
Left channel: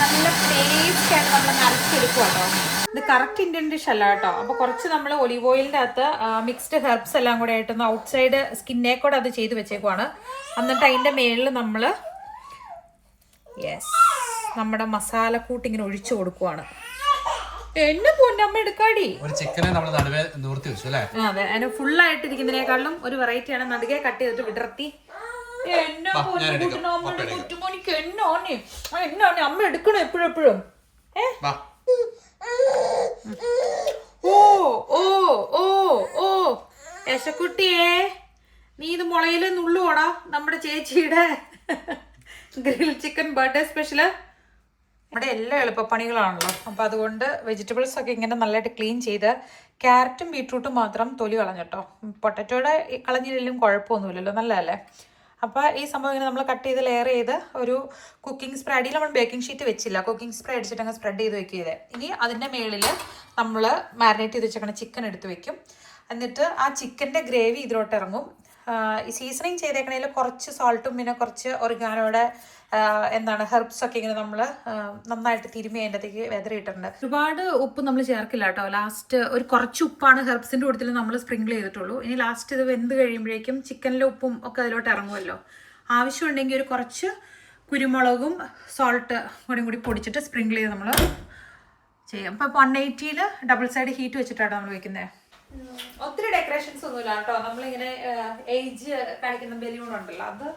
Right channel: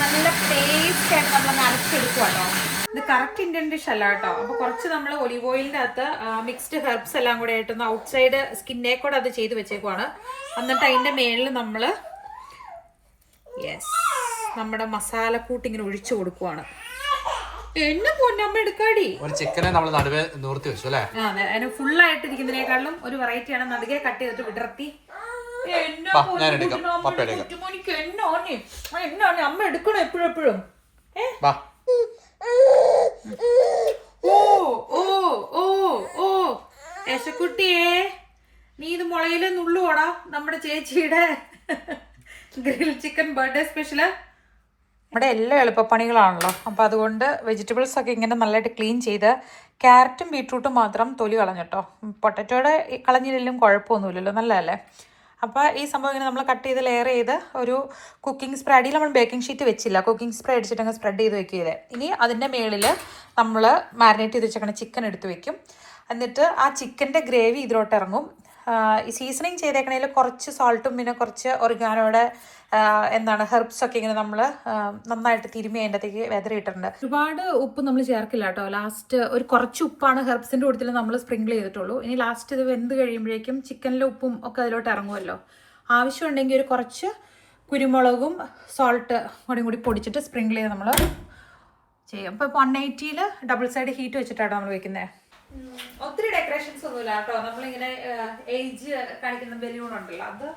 നല്ല പേസ്റ്റ് ആയിട്ട് നമ്മൾ അരച്ചെടുക്കുക കേട്ടോ. ഇത് കറക്റ്റ് ഇന്ത്യൻ ഡിഷ് അല്ല കേട്ടോ. അപ്പൊ കുറച്ച് നമ്മൾ ഒലിവ് ഓയിലിന്റെ അകത്ത് മിക്സ്ഡ് ഹെർബ്സ് എല്ലാം കൂടെ ആയിട്ടൊന്ന് ഔട്ട്സൈഡ് സ്കിന്നെ കൂടെ അത് ചെയ്ത് വെച്ചേക്കുവാണ്. എന്നിട്ട് അതിന്റെ മേളിൽ നമ്മൾ നമ്മുടെ മസാലക്കൂട്ട് ഇങ്ങനെ ഒഴിച്ചു കൊടുക്കുവാണ്. എന്നെ പൊന്നമ്മ എടുക്കാടി. അതെ, അതിന് ഫുള്ളായിട്ട് ഇരിക്കുന്നതിനേക്കാളും ഒരു വെറൈറ്റിയാണ് നടുകെ കട്ട് ചെയ്തിട്ട് വിടർത്തി ഞാൻ എടുക്കാം. പപ്പ എടുക്കാം. കുറ്റുമോനിക്ക് എന്നാണ് അമ്മ എടുക്കണം എപ്പോഴും. വാ. ഓ ഓ ഓ ഓ യശക്കുട്ടിയെ, നീ ഇത് മുളയില് നുള്ളുവോടാ? നമ്മുടെ ചേച്ചിയുടെ ഗ്രിൽ ചിക്കൻ ബർത്ത്ഡേ സ്പെഷ്യല്. നമ്മുടെ എല്ലാ എളുപ്പപ്പണികളാണല്ലോ, അപ്പോൾ അതുകൊണ്ട് വെജിറ്റബിൾസ് ഒക്കെ ഇങ്ങനെ നല്ലതായിട്ട് ക്ലീൻ ചെയ്ത്, ക്യാരറ്റും ബീട്രൂട്ടും മാത്രം തൊലി കളഞ്ഞിട്ടോ. പൊട്ടറ്റോയുടെ കളഞ്ഞില്ലെങ്കിലും കുഴപ്പമൊന്നുമില്ലല്ലോ, നല്ലതല്ലേ. അപ്പോൾ ഈ സംഭവം ഇങ്ങനെ നമ്മൾ കട്ട് ചെയ്ത് ലെയർ ചെയ്ത് ഒരു കുക്കിംഗ് സ്പ്രേ, അടിയിൽ നമ്മൾ ബേക്കിംഗ് ഷീറ്റ് വെച്ചില്ല, കുക്കിംഗ് സ്പ്രേ അടിച്ചിട്ട് അങ്ങ് സ്പ്രെഡ് ചെയ്ത് വെക്കുകയത്. ഇനി അതിൻ്റെ മേളിൽ നമ്മൾ മാരിനേറ്റ് ചെയ്ത് വെച്ചേക്കണ ചിക്കൻ എടുത്ത് വെക്കും. എന്നിട്ട് ആ ചിക്കൻ്റെ ഗ്രേവി ഇതിലോട്ട് ഇറങ്ങും. ഈ സീസണിങ് ചെയ്തേക്കണതിൽ കുറച്ച് സോൾട്ടും പിന്നെ കുറച്ച് ഒറിഗാനോയുടെ ഹെർബ്സ് ഒക്കെ ഇങ്ങനെ നമ്മൾ നന്നായിട്ട് തിരുമ്മി അതിൻ്റെ അകത്തേക്ക് വെതറിയിട്ടുണ്ട്. ഒരുപാട് ഉപ്പ് നമ്മൾ ചേർക്കില്ല കേട്ടോ. ലാസ്റ്റ് ഒരു കുറച്ച് ഉപ്പാണ് ഹെർബ്സിൻ്റെ കൂട്ടത്തിൽ നമ്മൾ സ്പ്രിങ്കിൾ ചെയ്തിട്ടുള്ളൂ. ഇനി ലാസ്റ്റ് ഇത് വെന്ത് കഴിയുമ്പോഴേക്കും ചിക്കനിലെ ഉപ്പും ഒക്കെ അതിലോട്ട് ഇറങ്ങുമല്ലോ. ആവശ്യമുണ്ടെങ്കിൽ ഒരു കുറച്ച് കുരുമുളകും സോൾട്ട് കൂടി പൊടിച്ചിട്ട് സ്പ്രിങ്കിൾ ചെയ്ത് നമ്മൾ ചെയ്യും. ഇപ്പോൾ 180 ഡബിൾ സൈഡ് ഹീറ്റ് വെച്ചിട്ടാണ് നമ്മൾ വെക്കുന്നത്. ഒത്തിരി ഡെക്കറേഷൻസ് ഒന്നുമില്ല കേട്ടോ. നമ്മളിങ്ങനെ ഏജ് കാണിക്കുന്ന ബലൂൺ ഉണ്ടല്ലോ, അത്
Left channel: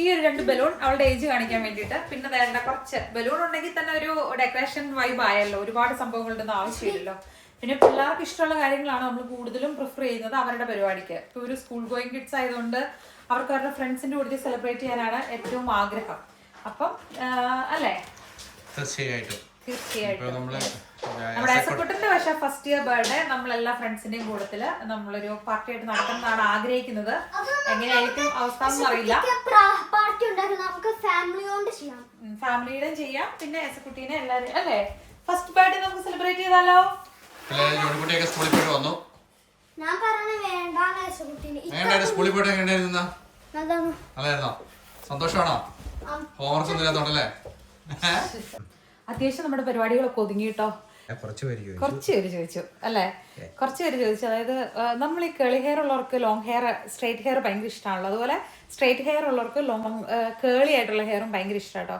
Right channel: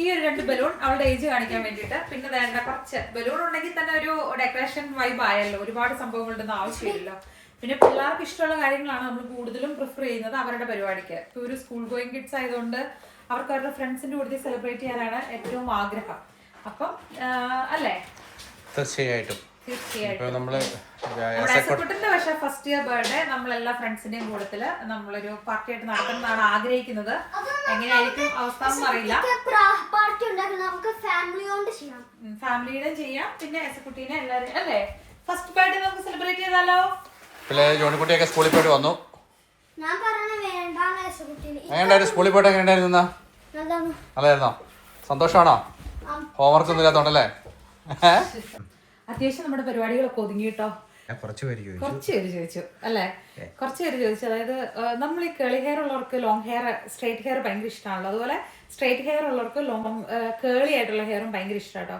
ഈ ഒരു 2 ബലൂൺ അവളുടെ ഏജ് കാണിക്കാൻ വേണ്ടിയിട്ട്. പിന്നെ വേണ്ട കുറച്ച് ബലൂൺ ഉണ്ടെങ്കിൽ തന്നെ ഒരു ഡെക്കറേഷൻ വൈബ് ആയല്ലോ. ഒരുപാട് സംഭവങ്ങളുടെ ഒന്നും ആവശ്യമില്ലല്ലോ. പിന്നെ പിള്ളേർക്ക് ഇഷ്ടമുള്ള കാര്യങ്ങളാണ് നമ്മൾ കൂടുതലും പ്രിഫർ ചെയ്യുന്നത് അവരുടെ പരിപാടിക്ക്. ഇപ്പോൾ ഒരു സ്കൂൾ ഗോയിങ് കിഡ്സ് ആയതുകൊണ്ട് അവർക്ക് അവരുടെ ഫ്രണ്ട്സിന്റെ കൂടെ സെലിബ്രേറ്റ് ചെയ്യാനാണ് ഏറ്റവും ആഗ്രഹം. അപ്പം അല്ലേ? തീർച്ചയായിട്ടും. നമ്മുടെ യശക്കുട്ടന്റെ പക്ഷേ ഫസ്റ്റ് ഇയർ ബർത്ത്ഡേ നമ്മളെല്ലാ ഫ്രണ്ട്സിന്റെയും കൂട്ടത്തില് നമ്മളൊരു പാർട്ടി ആയിട്ട് നടത്തുന്നതാണ് ആഗ്രഹിക്കുന്നത്. എങ്ങനെയായിരിക്കും അവസ്ഥ എന്നറിയില്ല. ഫാമിലിയുടെ ചെയ്യാം, പിന്നെ യശക്കുട്ടീനെ എല്ലാരും അല്ലേ ഫസ്റ്റ് ബർത്ത്ഡേ നമുക്ക് സെലിബ്രേറ്റ് ചെയ്താലോ? ജോണിക്കുട്ടിയൊക്കെ സ്കൂളിൽ പോയിട്ട് വന്നു. എങ്ങനെയുണ്ടായിരുന്നു സ്കൂളിൽ പോയിട്ട്? എങ്ങനെയുണ്ടായിരുന്ന? നല്ലതായിരുന്നോ? സന്തോഷമാണോ? ഹോംവർക്ക് ഒന്നും ഇല്ലാത്തോണ്ടല്ലേ? അത്യാവശ്യം നമ്മുടെ പരിപാടികളൊക്കെ ഒതുങ്ങി കേട്ടോ. കുറച്ച് പേര് ചോദിച്ചു അല്ലേ? കുറച്ച് പേര് ചോദിച്ചു. അതായത് നമ്മൾ ഈ കേളി ഹെയർ ഉള്ളവർക്ക് ലോങ് ഹെയർ, സ്ട്രേറ്റ് ഹെയർ ഭയങ്കര ഇഷ്ടമാണല്ലോ. അതുപോലെ സ്ട്രേറ്റ് ഹെയർ ഉള്ളവർക്ക് ലോങ് കേളി ആയിട്ടുള്ള ഹെയറും ഭയങ്കര ഇഷ്ടമാണ് കേട്ടോ.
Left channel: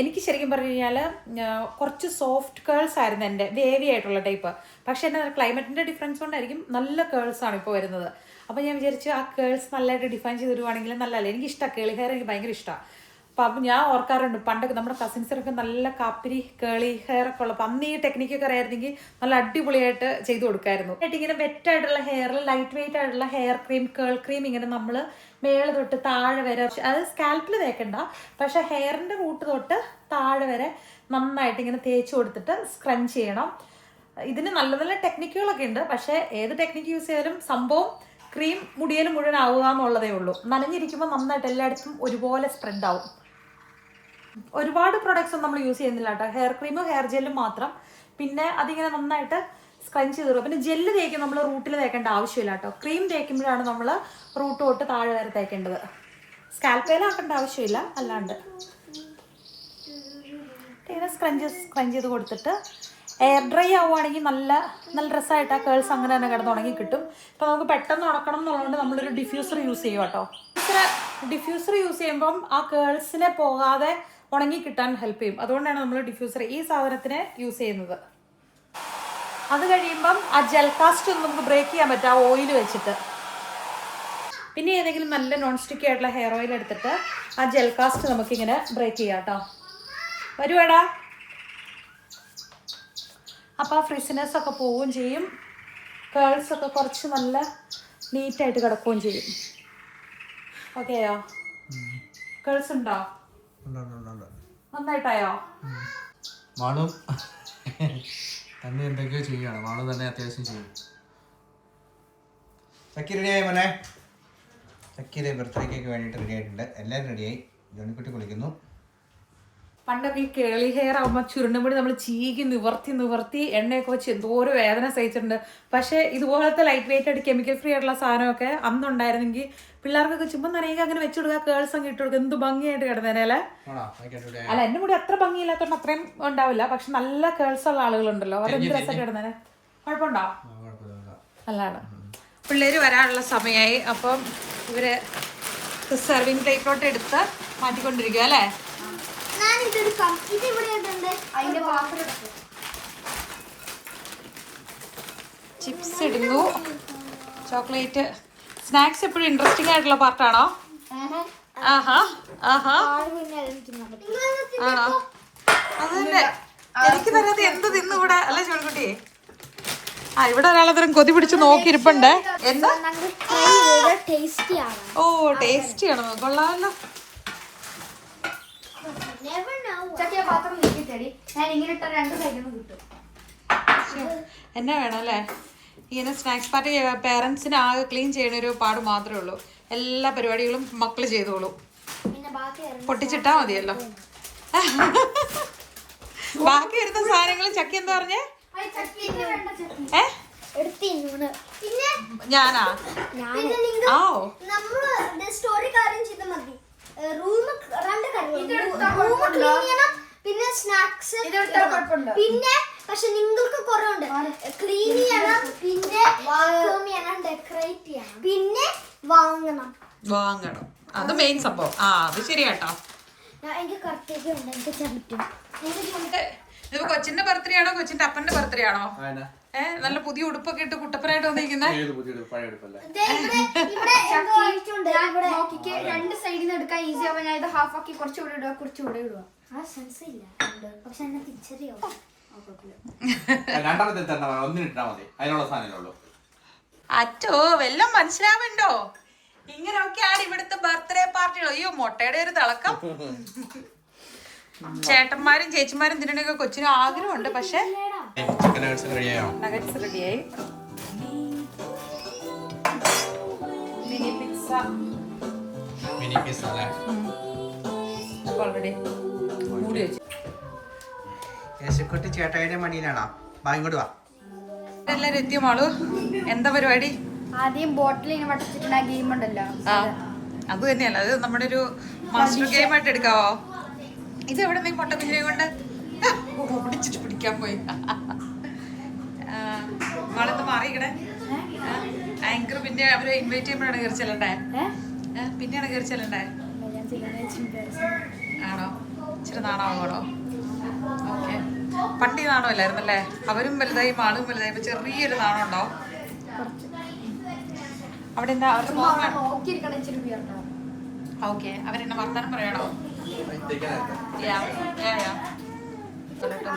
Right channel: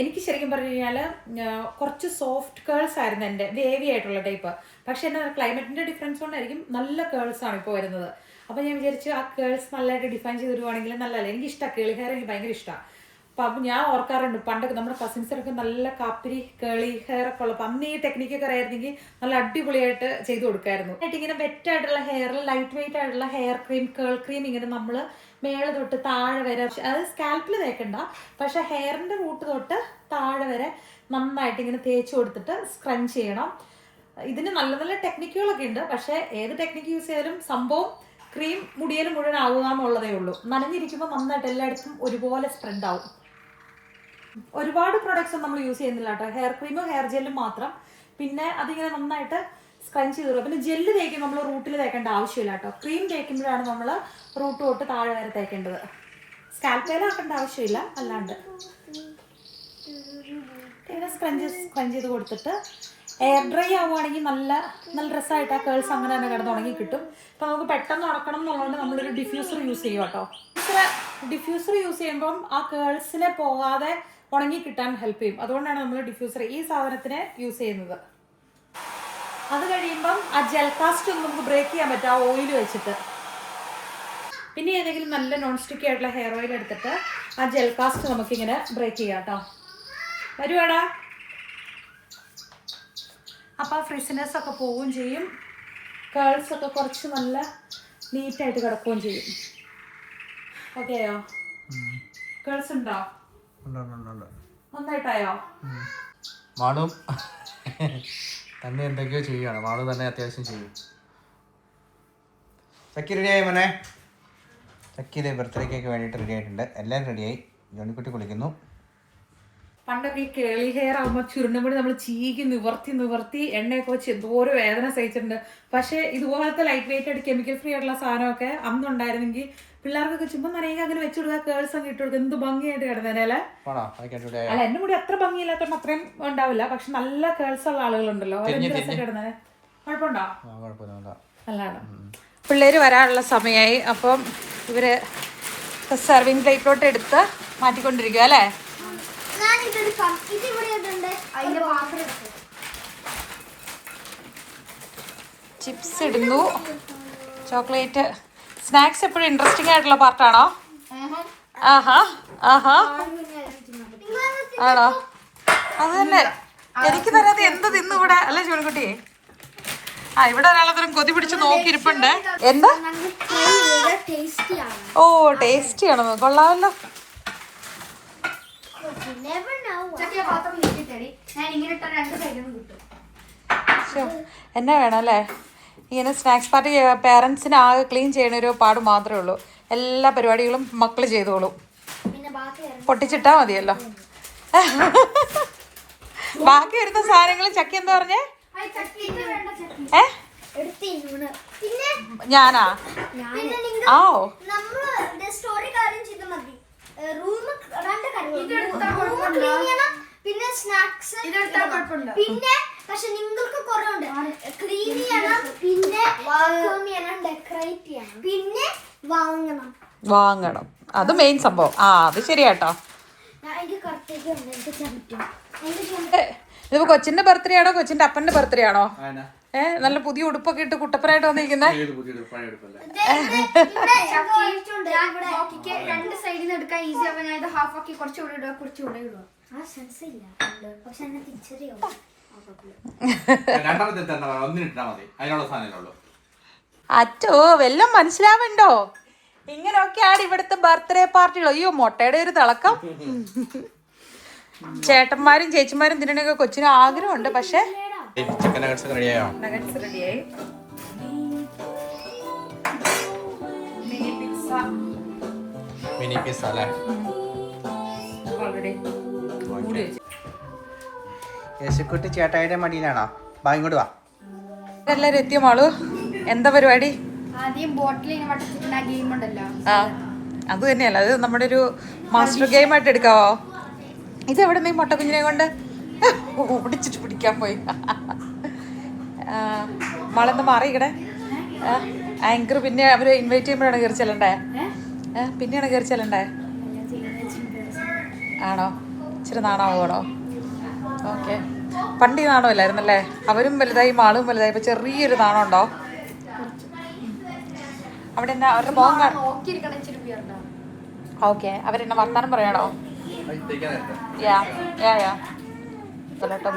എനിക്ക് ശരിക്കും പറഞ്ഞു കഴിഞ്ഞാൽ കുറച്ച് സോഫ്റ്റ് കേൾസ് ആയിരുന്നു എൻ്റെ, വേവി ആയിട്ടുള്ള ടൈപ്പ്. പക്ഷെ എൻ്റെ ക്ലൈമറ്റിൻ്റെ ഡിഫറൻസ് കൊണ്ടായിരിക്കും നല്ല കേൾസ് ആണ് ഇപ്പോൾ വരുന്നത്. അപ്പോൾ ഞാൻ വിചാരിച്ചു ആ കേൾസ് നല്ലതായിട്ട് ഡിഫൈൻ ചെയ്ത് തരുവാണെങ്കിൽ നല്ലതല്ലേ. എനിക്ക് ഇഷ്ടമാണ് കേളി ഹെയർ, എനിക്ക് ഭയങ്കര ഇഷ്ടമാണ്. അപ്പം ഞാൻ ഓർക്കാറുണ്ട് പണ്ടൊക്കെ നമ്മുടെ കസിൻസിനൊക്കെ നല്ല കാപ്പിരി കേളി ഹെയർ ഒക്കെ ഉള്ളപ്പോൾ അന്ന് ഈ ടെക്നിക്കൊക്കെ അറിയായിരുന്നെങ്കിൽ നല്ല അടിപൊളിയായിട്ട് ചെയ്ത് കൊടുക്കായിരുന്നു. ഇങ്ങനെ വെറ്റായിട്ടുള്ള ഹെയറിൽ ലൈറ്റ് വെയിറ്റ് ആയിട്ടുള്ള ഹെയർ ക്രീം, കേൾ ക്രീം ഇങ്ങനെ നമ്മൾ മേള് തൊട്ട് താഴെ വരെ, അത് സ്കാൽപ്പിൽ തേക്കണ്ട, പക്ഷെ ഹെയറിൻ്റെ റൂട്ട് തൊട്ട് താഴെ വരെ നന്നായിട്ട് ഇങ്ങനെ തേച്ച് കൊടുത്തിട്ട് സ്ക്രഞ്ച് ചെയ്യണം. ഇതിന് നല്ല നല്ല ടെക്നിക്കുകളൊക്കെ ഉണ്ട്. പക്ഷേ ഏത് ടെക്നിക്ക് യൂസ് ചെയ്താലും സംഭവം ക്രീം മുടിയിൽ മുഴുവൻ ആവുക എന്നുള്ളതേ ഉള്ളൂ. നനഞ്ഞിരിക്കുമ്പോൾ നന്നായിട്ട് എല്ലായിടത്തും ഒരുപോലെ സ്പ്രെഡ് ആവും. ഒരുപാട് പ്രൊഡക്ട്സ് ഒന്നും നമ്മൾ യൂസ് ചെയ്യുന്നില്ല കേട്ടോ. ഹെയർ ക്രീമും ഹെയർ ജെല്ലും മാത്രം. പിന്നെ അതിങ്ങനെ നന്നായിട്ട് സ്ക്രഞ്ച് ചെയ്ത് തരും. പിന്നെ ജെല്ല് തേക്കും നമ്മൾ റൂട്ടിൽ തേക്കേണ്ട ആവശ്യമില്ല കേട്ടോ. ക്രീം തേക്കുമ്പോഴാണ് നമ്മൾ റൂട്ട് തൊട്ട് താഴെ വരെ തേക്കേണ്ടത്. സ്കാൽപ്പേലാക്കേണ്ട ആവശ്യമില്ല. അല്ലാണ്ട് ഇങ്ങനെ സ്ക്രഞ്ച് ചെയ്ത് കൊടുത്തിട്ട് എയർ ഡ്രൈ ആവുകയാണെങ്കിൽ നല്ല നല്ല രസമായിട്ട് ആ കേൾസ് അങ്ങനെ തന്നെ കിടന്ന് ഉണങ്ങി കിട്ടും. ഇപ്പോൾ നമുക്ക് പെട്ടെന്ന് ഉണക്കണം എന്നുള്ളതുകൊണ്ട് നമ്മളൊരു ഡിഫ്യൂസർ യൂസ് ചെയ്യും കേട്ടോ. ഡിഫ്യൂസർ യൂസ് ചെയ്യുമ്പം ആ കേൾസിനെ പോകാതെ ഉണങ്ങി കിട്ടാൻ ഹെൽപ്പ് ചെയ്യും. അതുകൊണ്ടാണ് നമ്മൾ ഡിഫ്യൂസർ ഈ സാധനത്തിനെ യൂസ് ചെയ്യുന്നത്. അത് കഴിയുമ്പം ആ ജെൽ കാസ്റ്റ് ഒന്ന് നമുക്ക് ബ്രേക്ക് ചെയ്യാൻ പറ്റും ആ ഓയിൽ വെച്ചിട്ട്. പിന്നെ ഏതെങ്കിലും നല്ല നോൺ സ്റ്റിക്കി ആയിട്ടുള്ള ഹെയർ ഓയിൽ എടുത്തിട്ട് ആ ജെൽ കാസ്റ്റ് നമുക്കിങ്ങനെ ബ്രേക്ക് ചെയ്യാം കേട്ടോ. വരുവാടാ. അപ്പോൾ ആ ഫ്രിസിനെസ് ഒക്കെ പോവുകയും ചെയ്യും. കേൾസ് ഒക്കെ കുറച്ച് നല്ല നീറ്റായിട്ട് കിടക്കുകയും ചെയ്യും. ഓക്കെയോ? കേൾസ് ഉണ്ടോ? നന്നായിട്ടായോ? മാളു തന്നെ എന്തൊക്കെയോ ചെയ്യാണ്. മാളു തന്നെ അത്യാവശ്യം ചെയ്യും. ചക്കി റെഡിയായി മോനെ. ചക്കിയുടെ ബർത്ത്ഡേ കേക്ക് വേണ്ടിയിട്ട് റെഡി ആയിട്ടുണ്ട്. എല്ലാവരും റെഡിയായി. ജോണിക്കുട്ടി കുളിക്കുന്നു. പണ്ടൊക്കെ ഈ കേളി ഹെയർ ആകുമ്പോൾ ചുരുണ്ടുമ്പോൾ നമ്മൾ ചീകി നിവർത്തി എണ്ണയൊക്കെ വെച്ച് എന്തോരോ വേദന സഹിച്ചിട്ടുണ്ട്. പക്ഷേ ഇതുപോലത്തെ ലൈറ്റ് വെയിറ്റ് ആയിട്ട് കെമിക്കൽ ഫ്രീ ആയിട്ടുള്ള സാധനമൊക്കെ അന്നുണ്ടായിരുന്നെങ്കിൽ പിള്ളേർക്കൊക്കെ ചുമ്മാ നിറയെ അങ്ങനെ വെച്ച് കൊടുക്കുക, കേൾസ് അങ്ങ് ഇട്ട് കൊടുക്കുക, എന്ത് ഭംഗിയായിട്ട് കിടന്നേനെ അല്ലേ? അല്ല, എന്റെ കൂടി അത്ര ഭംഗിയില്ലാത്തതുകൊണ്ട് അത്രയും ഉണ്ടാവില്ല. പക്ഷെ നല്ല കേൾസ് ഉള്ള ആളുകളുണ്ടല്ലോ, അവരെന്ത് രസമൊക്കെ കിടന്നേനെ. കുഴപ്പമുണ്ടോ? അല്ലാണ്. പിള്ളേര് വരാനുള്ള സമയമായി. അപ്പം ഇവര് സെർവിങ് പ്ലേറ്റിലോട്ട് എടുത്ത് മാറ്റിക്കൊണ്ടിരിക്കുക അല്ലേ? ചിപ്സ് ഇടുന്നു, ചോക്ലേറ്റ്. സ്നാക്സ് എപ്പോഴും ഇൻട്രസ്റ്റിംഗ് ആയിട്ടുള്ള പാർട്ടാണോ? ആഹാ ആഹാ ആട് പിന്നെ അതിന് തിന്നാൻ പറ്റും. ആണോ? അത് തന്നെ എനിക്ക് തരാതെ എന്ത് തിന്നു ഇവിടെ അല്ലേ ചോളിക്കുട്ടി? ആ ഇവിടെ ഒരാളത്തരം കൊതി പിടിച്ച് നോക്കിയിരിപ്പുണ്ട്. എന്താ? ഞങ്ങൾ try ചെയ്ത tasty ആണ്. ഓ ടേസ്റ്റി ആണോ? കൊള്ളാമല്ലോ. Never know. ചക്കിയ പാത്രം നീക്കി തരി. ഞാൻ ഇങ്ങനെ ഇട്ട രണ്ട് സൈഡിലും കിട്ടും. എന്നാ വേണം അല്ലേ? ഇങ്ങനെ സ്നാക്സ് പാർട്ടി പേരൻസിന് ആകെ ക്ലീൻ ചെയ്യണ ഒരു പാട് മാത്രമേ ഉള്ളൂ. എല്ലാ പരിപാടികളും മക്കൾ ചെയ്തോളൂ. പിന്നെ ബാക്കി പൊട്ടിച്ചിട്ടാ മതിയല്ലോ. ബാക്കി വരുന്ന സാധനങ്ങൾ ചക്കി എന്താ പറഞ്ഞേ? പിന്നെ ഞാനാ? ആ സ്റ്റോറി കാര്യം ചെയ്ത മതി. റൂം രണ്ട് റൂം ക്ലീൻ ചെയ്യണം, പിന്നെ സ്നാക്സ് പിന്നെ പക്ഷെ നിങ്ങൾക്ക് കുറെ ഉണ്ട്. ക്ലീൻ ചെയ്യണം, പിന്നെ വാക്യൂം ചെയ്യണം, ഡെക്കറേറ്റ് ചെയ്യണം, പിന്നെ വാങ്ങണം. അത് മെയിൻ സംഭവം. ആ അത് ശരിയാട്ടോ. എനിക്ക് കുറച്ചൊക്കെ ഉണ്ട്, എനിക്ക് ചവിട്ടും. ഇതിപ്പോ കൊച്ചിന്റെ ബർത്ത്ഡേ ആണോ കൊച്ചിന്റെ അപ്പന്റെ ബർത്ത്ഡേ ആണോ? നല്ല പുതിയ ഉടുപ്പൊക്കെ ഇട്ട് കുട്ടപ്പനായിട്ട് വന്നിരിക്കുന്നേ. രണ്ട് സൈഡിൽ നിന്ന് എടുക്കാൻ ഈസി ആവാൻ ഞാൻ ഇത് ഹാഫ് ആക്കി കുറച്ചുകൂടെ ഇടുക, കുറച്ചുകൂടെ ഇടുക. ആ സെൻസ് ഇല്ല, പക്ഷെ എന്നെ തിരിച്ചറിയാവും. അച്ചോ വല്ലം മനസ്സിലാവുണ്ടോ? ഇങ്ങനെയൊക്കെയാണ് ഇവിടുത്തെ ബർത്ത്ഡേ പാർട്ടികൾ. അയ്യോ മുട്ടയുടെ ഒരു തിളക്കം. ചേട്ടന്മാരും ചേച്ചിമാരും തിന്നണൊക്കെ കൊച്ചിന് ആഗ്രഹമുണ്ട്. പക്ഷെ നഗറ്റ്സ് റെഡിയായി. മിനി പിസ്സ അല്ലേ? യേശുക്കുട്ടി ചേട്ടായിയുടെ മടിയിലാണോ? ഇങ്ങോട്ട് വാ. എല്ലാരും എത്തിയമാളു. എന്താ പരിപാടി? ആദ്യം ബോട്ടിൽ വട്ടച്ചിട്ടുള്ള ഗെയിം ഉണ്ടല്ലോ, ആ അത് തന്നെയല്ല, അത് നമ്മുടെ ഒരു മാസ്റ്റർ ഗെയിം ആയിട്ട് എടുക്കാവോ? ഇത് എവിടെ നീ മുട്ട കുഞ്ഞിനെ കൊണ്ട് പിടിച്ചിട്ട് പിടിക്കാൻ പോയി. മാളെന്താ മാറിയിക്കണേ? ആങ്കർ പിന്നെ അവര് ഇൻവൈറ്റ് ചെയ്യുമ്പോഴാണ് കയറി ചെല്ലണ്ടേ? പിന്നെയാണ് കയറി ചെല്ലണ്ടേ? ആണോ? ഇച്ചിരി നാണമാകണോ? ഓക്കെ. പണ്ട് ഈ നാണമല്ലായിരുന്നല്ലേ? അവരും വലുതായി മാളും വലുതായി. ഇപ്പൊ ചെറിയൊരു നാണം ഉണ്ടോ അവിടെ? എന്താ അവരുടെ മുഖം കാണാം. ഓക്കെ. അവരെന്നെ വർത്താനം പറയണോ?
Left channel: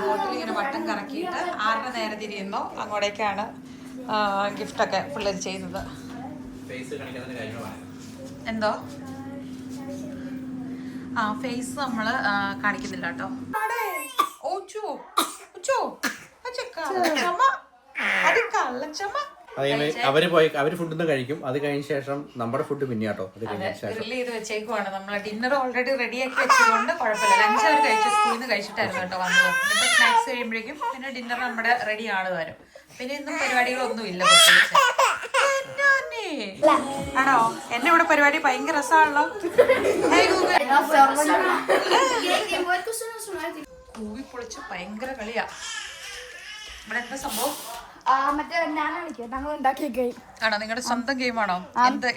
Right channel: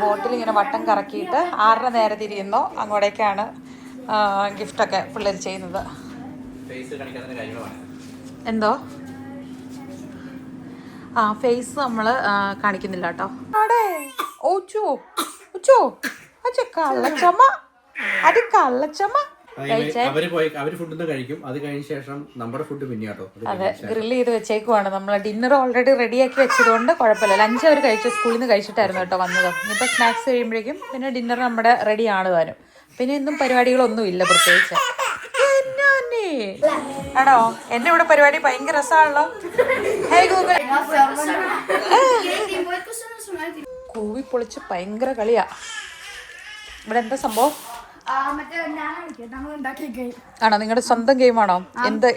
ബോട്ടിൽ ഇങ്ങനെ വട്ടം കറക്കിയിട്ട് 6 നേരെ തിരിയുന്നോ അങ്ങോട്ടേക്കാണ് ഗിഫ്റ്റൊക്കെ പിള്ളേർ ചെയ്യുന്നത്. എന്തോ? ആ ഫേസ് നമ്മൾ കാണിക്കുന്നില്ല കേട്ടോ. കള്ളച്ചമ്മ, അത് കള്ളച്ചമ്മ. അവര് ഫുഡ് കഴിക്കും. അത് കഴിഞ്ഞ ശേഷം നമ്മുടെ ഫുഡ് പിന്നെ കേട്ടോ ഗ്രില്ല് ചെയ്ത് വെച്ചേക്കുവാണ്. നമ്മൾ ഡിന്നർ ഓൾറെഡി റെഡിയാക്കി വെച്ചതുകൊണ്ട് കുഴപ്പമില്ല. ലഞ്ച് അവർ കഴിച്ചു, സ്കൂളിൽ നിന്ന് കഴിച്ചിട്ടായിരുന്നു കേട്ടോ വന്നത്. ഇനിയിപ്പോൾ സ്നാക്സ് കഴിയുമ്പോഴേക്കും പിന്നെ ഡിന്നർ നമ്മുടെ റെഡി ആണ് താനും. പിന്നെ ഇന്നും പരിപാടികളൊന്നും ഇല്ല പ്രത്യേകിച്ച്. ആണോ? എന്റെ ഇവിടെ പരിപാടി ഭയങ്കര രസമാണല്ലോ. കൂവി പൊളിച്ച് ഭയങ്കര കളിയാ. ഇവിടെ എന്താ സംഭവം? ആണോ? നിങ്ങളുടെ സ്വന്തം ഗെയിമാണോ?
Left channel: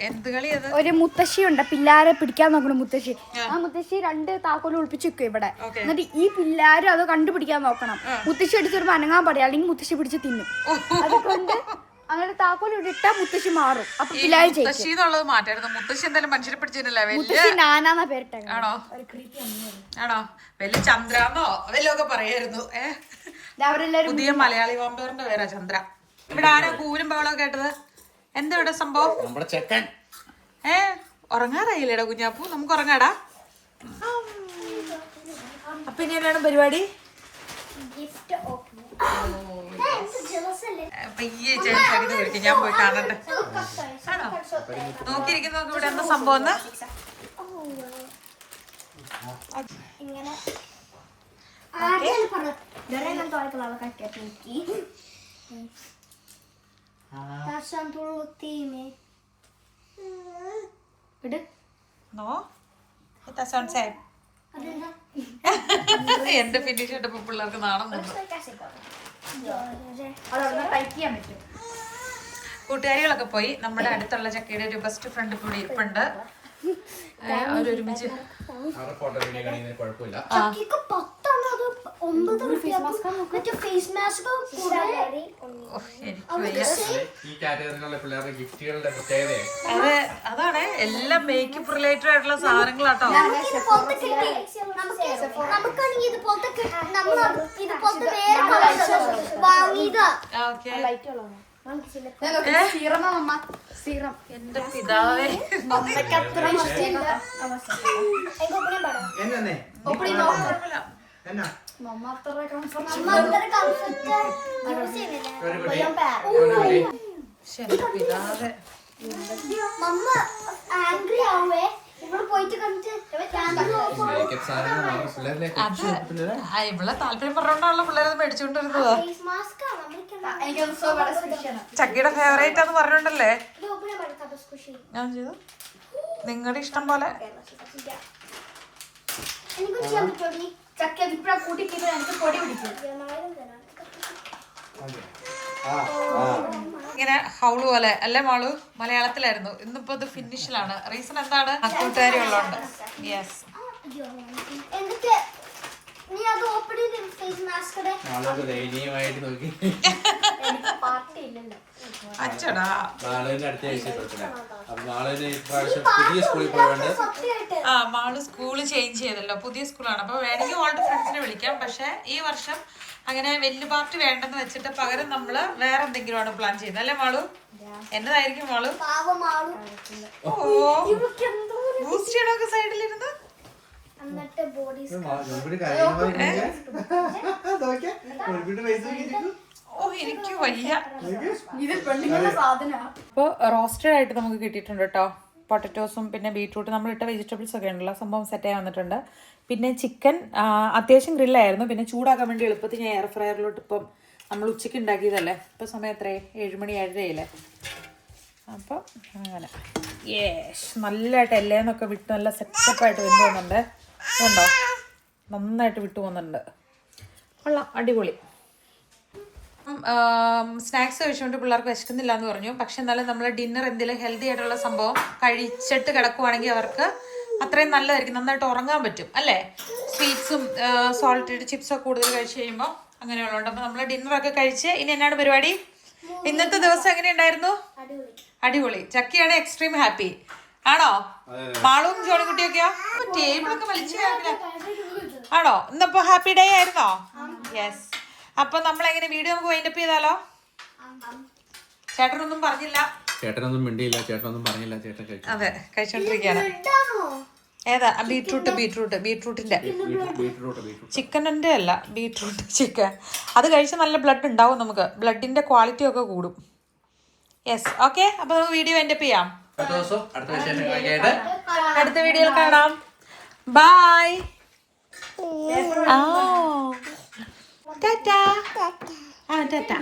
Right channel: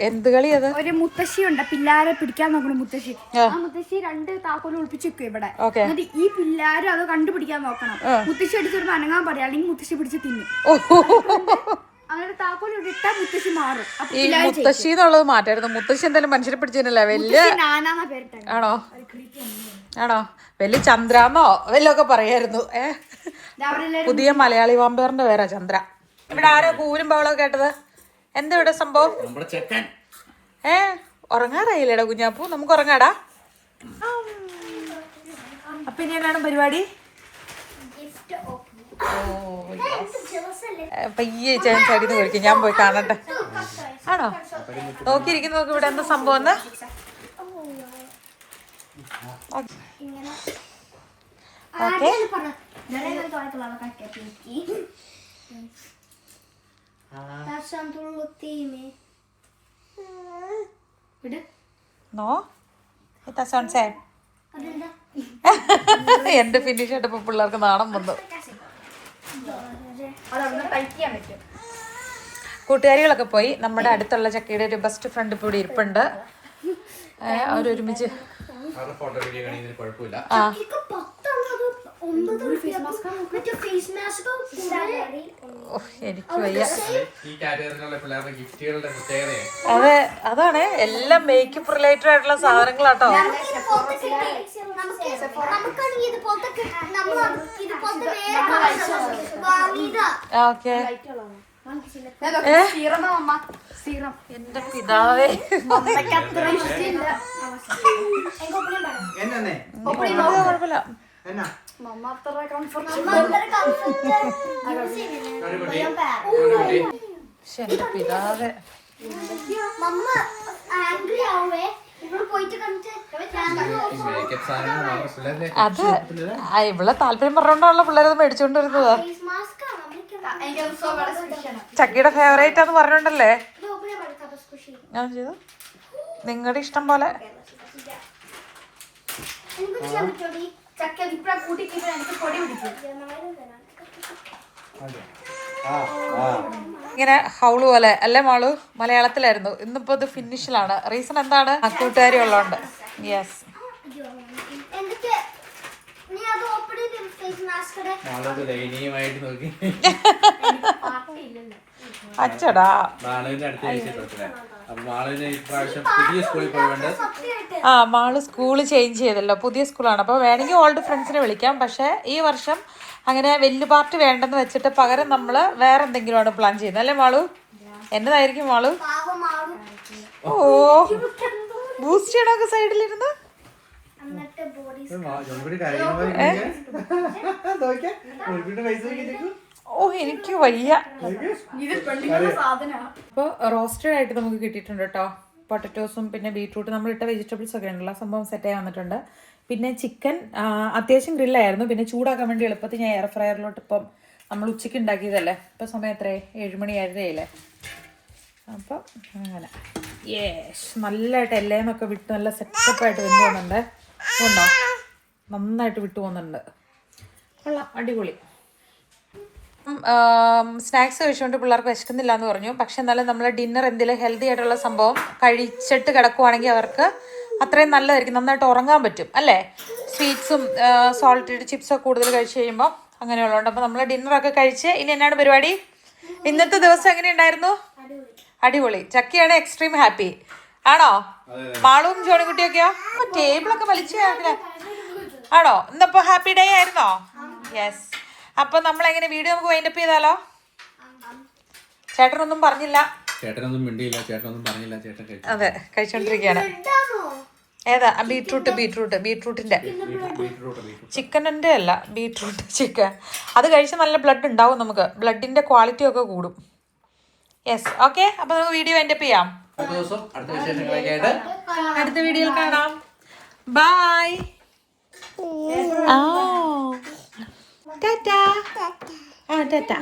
എന്ത് കളി അത്? ഒരു മുത്തശ്ശിയുണ്ട്, പിള്ളാരെ പിടിക്കാൻ നോക്കണം മുത്തശ്ശി. ആ മുത്തശ്ശി 2 താക്കോല് ഒളിപ്പിച്ച് വെക്കും ഇവിടെ. എന്നിട്ട് ഈ പിള്ളാരും അത് കണ്ടുപിടിക്കാൻ നോക്കണം. മുത്തശ്ശി അടിച്ചൊരു അനങ്ങാൻ പറയാം, അല്ലെങ്കിൽ മുത്തശ്ശി പിടിച്ച് തിന്നും. അങ്ങനെ താക്കോൽ ഇട്ടാ മുത്തശ്ശി മാറും. മുത്തശ്ശി എന്നുള്ളത് മാറ്റായിരുന്നു. മുത്തശ്ശി എന്തായാലും മനുഷ്യരെ പിടിച്ചില്ല. വലിയ ആണോ? ആണോ? വലിയ ചന്ദ്രാന്നോ വല്ലതൊക്കെ പറയായിരുന്നു. പുതിയ മലയാളി വാമ്പയറിന്റെ പേരാ ചന്ദ്ര. ഇവിടെ ആരോ കൂരും ബഹളമൊക്കെ കേട്ടത്? എന്താ ഇവിടെ സംഭവം? ഉറങ്ങാറായില്ലേടാ കുഞ്ഞാപ്പൂ? നമുക്ക് ഉറങ്ങാടാ. അപ്പൊ ഇനി എന്നാണ് പരിപാടി? പയ്യെ ചടിന്ന് കഴിക്കും. ഞാൻ പോയി കാണട്ടെ. ആണോ? നോക്കിയിരിക്കുന്നു. നോക്കി ഇവിടെ എന്താ സംഭവം എന്ന്. എന്റെ ഫിനിഷ് ആയിട്ടപ്പോ പിള്ളേർക്ക് നാണം വന്നു. കൂട്ടുകാരികളൊക്കെ പോയി. നമ്മുടെ അടുത്തുള്ള ചക്കയുടെ ഒരു ബെസ്റ്റ് ഫ്രണ്ട് ഇപ്പോൾ ഇവിടെ ഇരിപ്പുണ്ട്. അവരൊരുമിച്ച് ഫേസ് മാസ്ക് എനിക്ക് വയ്യ. ഈ കാറ്റഗറിയിലുള്ള പിള്ളേരുടെ ഗിഫ്റ്റുകളുടെ പ്രത്യേകതയാണ്. അതെ, അതാണ് എല്ലാം മേക്കപ്പ് റിലേറ്റഡ് ആയിട്ടുള്ള സാധനങ്ങളാട്ടോ. നമുക്കാണെങ്കിൽ ഇതുപോലത്തെ ഇതുപോലത്തെ വേറെ വാങ്ങിയതാ. ഓക്കെ. എന്റെ പിതാവേ, കുഴപ്പമില്ല. എന്റെ പിതാവേ, മമ്മ ആംഗ്രി ആവേ ഇവിടെ പോയിട്ട് കണ്ടിട്ട് മേക്കപ്പ് സാധനങ്ങൾ നമ്മുടെ പിള്ളേരിലേക്ക് അത് ഇവിടെ താല്പര്യം പറഞ്ഞോണ്ടുള്ള പിള്ളേരത് മേടിച്ചോണ്ട് വരുന്നതാ. ഫേസ് മാസ്ക് ചക്കിയുടെ ഫേവറേറ്റ് ആന്ന് പറഞ്ഞോണ്ടല്ലേ ഞാൻ ചെയ്തു. നിങ്ങളുടെ ഇഷ്ടം പോലെ. ഇങ്ങനെ ഹൗള് പോലെ അല്ലേ മാളു? മലയാളത്തിലായിരുന്നു. ഇന്നിപ്പോ ഇത് ഫിനിഷിലാണ്. റീസൺ എന്താണ്? കൂട്ടുകാരി ഉള്ളതുകൊണ്ട്. യെസ്. എന്തൊക്കെ നീ അത് ഓപ്പൺ ചെയ്ത് ഫേസ് മാസ്ക് ദയനീയമായിട്ട് നോക്കി. അച്ചടാ. മാളുവിന്റെ അടുത്ത ആഴ്ച നോക്കില്ല. അപ്പൊ മാളുവിന് ഇപ്രാവശ്യം പുതിയ സ്കൂളിൽ പോയതുകൊണ്ട് ആ, മാള് സ്കൂള് ചേഞ്ച് ചെയ്തല്ലോ, പുതിയ സ്കൂളാണ്. അപ്പോൾ വേണമെങ്കിൽ ഓൾഡ് ഫ്രണ്ട്സിനെ വിളിക്കാം. പക്ഷേ ഈ വർഷം അങ്ങനെ വലിയ പാർട്ടി വേണ്ടെന്ന് വെച്ചിട്ട് പകരം നമ്മൾ വേറെ എന്തെങ്കിലുമാണ് പ്ലാൻ ചെയ്യുന്നത് അല്ലേ മാളു? എന്നതായിരിക്കും മാളു? ഓ, ബൂസ്റ്റ് ചെയ്യണമൊക്കെ സൈഡിലിരുന്ന്. ഓ, എനിക്ക് വയ്യ. ഇപ്പോൾ റോസ്റ്റഡ് ആയിട്ട് നമുക്ക് കിട്ടിയിട്ടുണ്ട് കേട്ടോ. പൊട്ടറ്റോസും പിന്നെ ബീട്രൂട്ട് നമ്മളിട്ട വെജിറ്റബിൾസ് ഒക്കെ ഉണ്ടല്ലോ, സംഭവം സെറ്റായി വന്നിട്ടുണ്ട്. പിന്നെ ചിക്കൻ അത്യാവശ്യം ഗ്രില്ലായിരുന്നു. പിന്നെ ചൂടാക്കാൻ വേണ്ടി എളുപ്പത്തിൽ ഞാൻ എയർ ഫ്രയറിലോട്ട് ഇപ്പം നമ്മൾ ഉച്ചയ്ക്ക് ഉണ്ടാക്കിയതല്ലേ. ഇപ്പം സമയം എത്രയായി? 7 മണി 7:30 അപ്പം അങ്ങനെ യേശ് നല്ലതായിട്ട് എല്ലേന്നൊക്കെ വിട്ട് നല്ല സെറ്റപ്പായിട്ട് വെന്ത് പോകുന്നുണ്ട്. അതുണ്ടോ, നന്നായിട്ട് വിട്ടു പോകുന്നുണ്ട്. കൊള്ളാം, അടിപൊളി. സ്നാക്സ് കഴിച്ചുകൊണ്ട് പിള്ളേർക്ക് വിശക്കുന്നില്ല എന്ന് പറഞ്ഞു. പക്ഷെ എന്നാലും നമ്മൾ ഡിന്നർ എന്തെങ്കിലും ഹെൽത്തി ആയിട്ടുള്ള സംഭവം കഴിച്ചിട്ട് കിടക്കുവാണെങ്കിൽ അവർക്ക് അത്രയും നല്ലതായിരിക്കും, നന്നായിട്ട് ഉറങ്ങാൻ പറ്റും അല്ലേ? സ്വീറ്റ്സും സോൾട്ടഡ് ചിപ്സൊക്കെ കൂടുതൽ കഴിച്ച് കഴിയുമ്പോൾ അങ്ങനെയുള്ളതുകൊണ്ട്. അപ്പോൾ നമ്മൾ ഡിന്നറൊക്കെ കഴിച്ച് ഇനി എന്നാണ് പരിപാടി? ഇന്നത്തെ ദിവസം എങ്ങനെയുണ്ടായിരുന്നു? അടിപൊളി. ചക്കിയാണ് എക്സ്ട്രീം ഹാപ്പി ആണോ? മാളും ജോണിക്കുട്ടിയൊക്കെയോ? ടേബിളൊക്കെ വലിച്ചു ആണോ? ഇന്നിപ്പോ ഹാപ്പി ഡേ ആയിരുന്നോ? യെസ്. അപ്പൊ നമ്മൾ എങ്ങനെ വീഡിയോ നമുക്ക് വൈൻഡപ്പ് ചെയ്താലോ? ചേട്ടനൊന്നും പറഞ്ഞില്ല. ചേട്ടനൊന്നും മിണ്ടിയില്ല, ചേട്ടനൊന്നും പറഞ്ഞില്ല. ചേട്ടൻ കഴിച്ചു. അതെ, കഴിച്ചോണ്ടിരിക്കുകയാണ്. ഏതാ? ബീട്രൂട്ടിന്റെ ചിക്കനിന്റെ അല്ല, ബീട്രൂട്ട് ചിക്കൻ. അത് കഴിച്ച് നല്ല ബ്ലഡ് ഉണ്ടാവും, നമുക്ക് ബ്ലഡിന്റെ ക്വാളിറ്റി ഒക്കെ കൂടും. Yes, okay. അപ്പൊ നമുക്ക് വീഡിയോ വൈൻഡപ്പ് ചെയ്യാം. അടുത്ത വീഡിയോയിൽ കാണാം. ബൈ. ടാറ്റാ. ടാറ്റാ.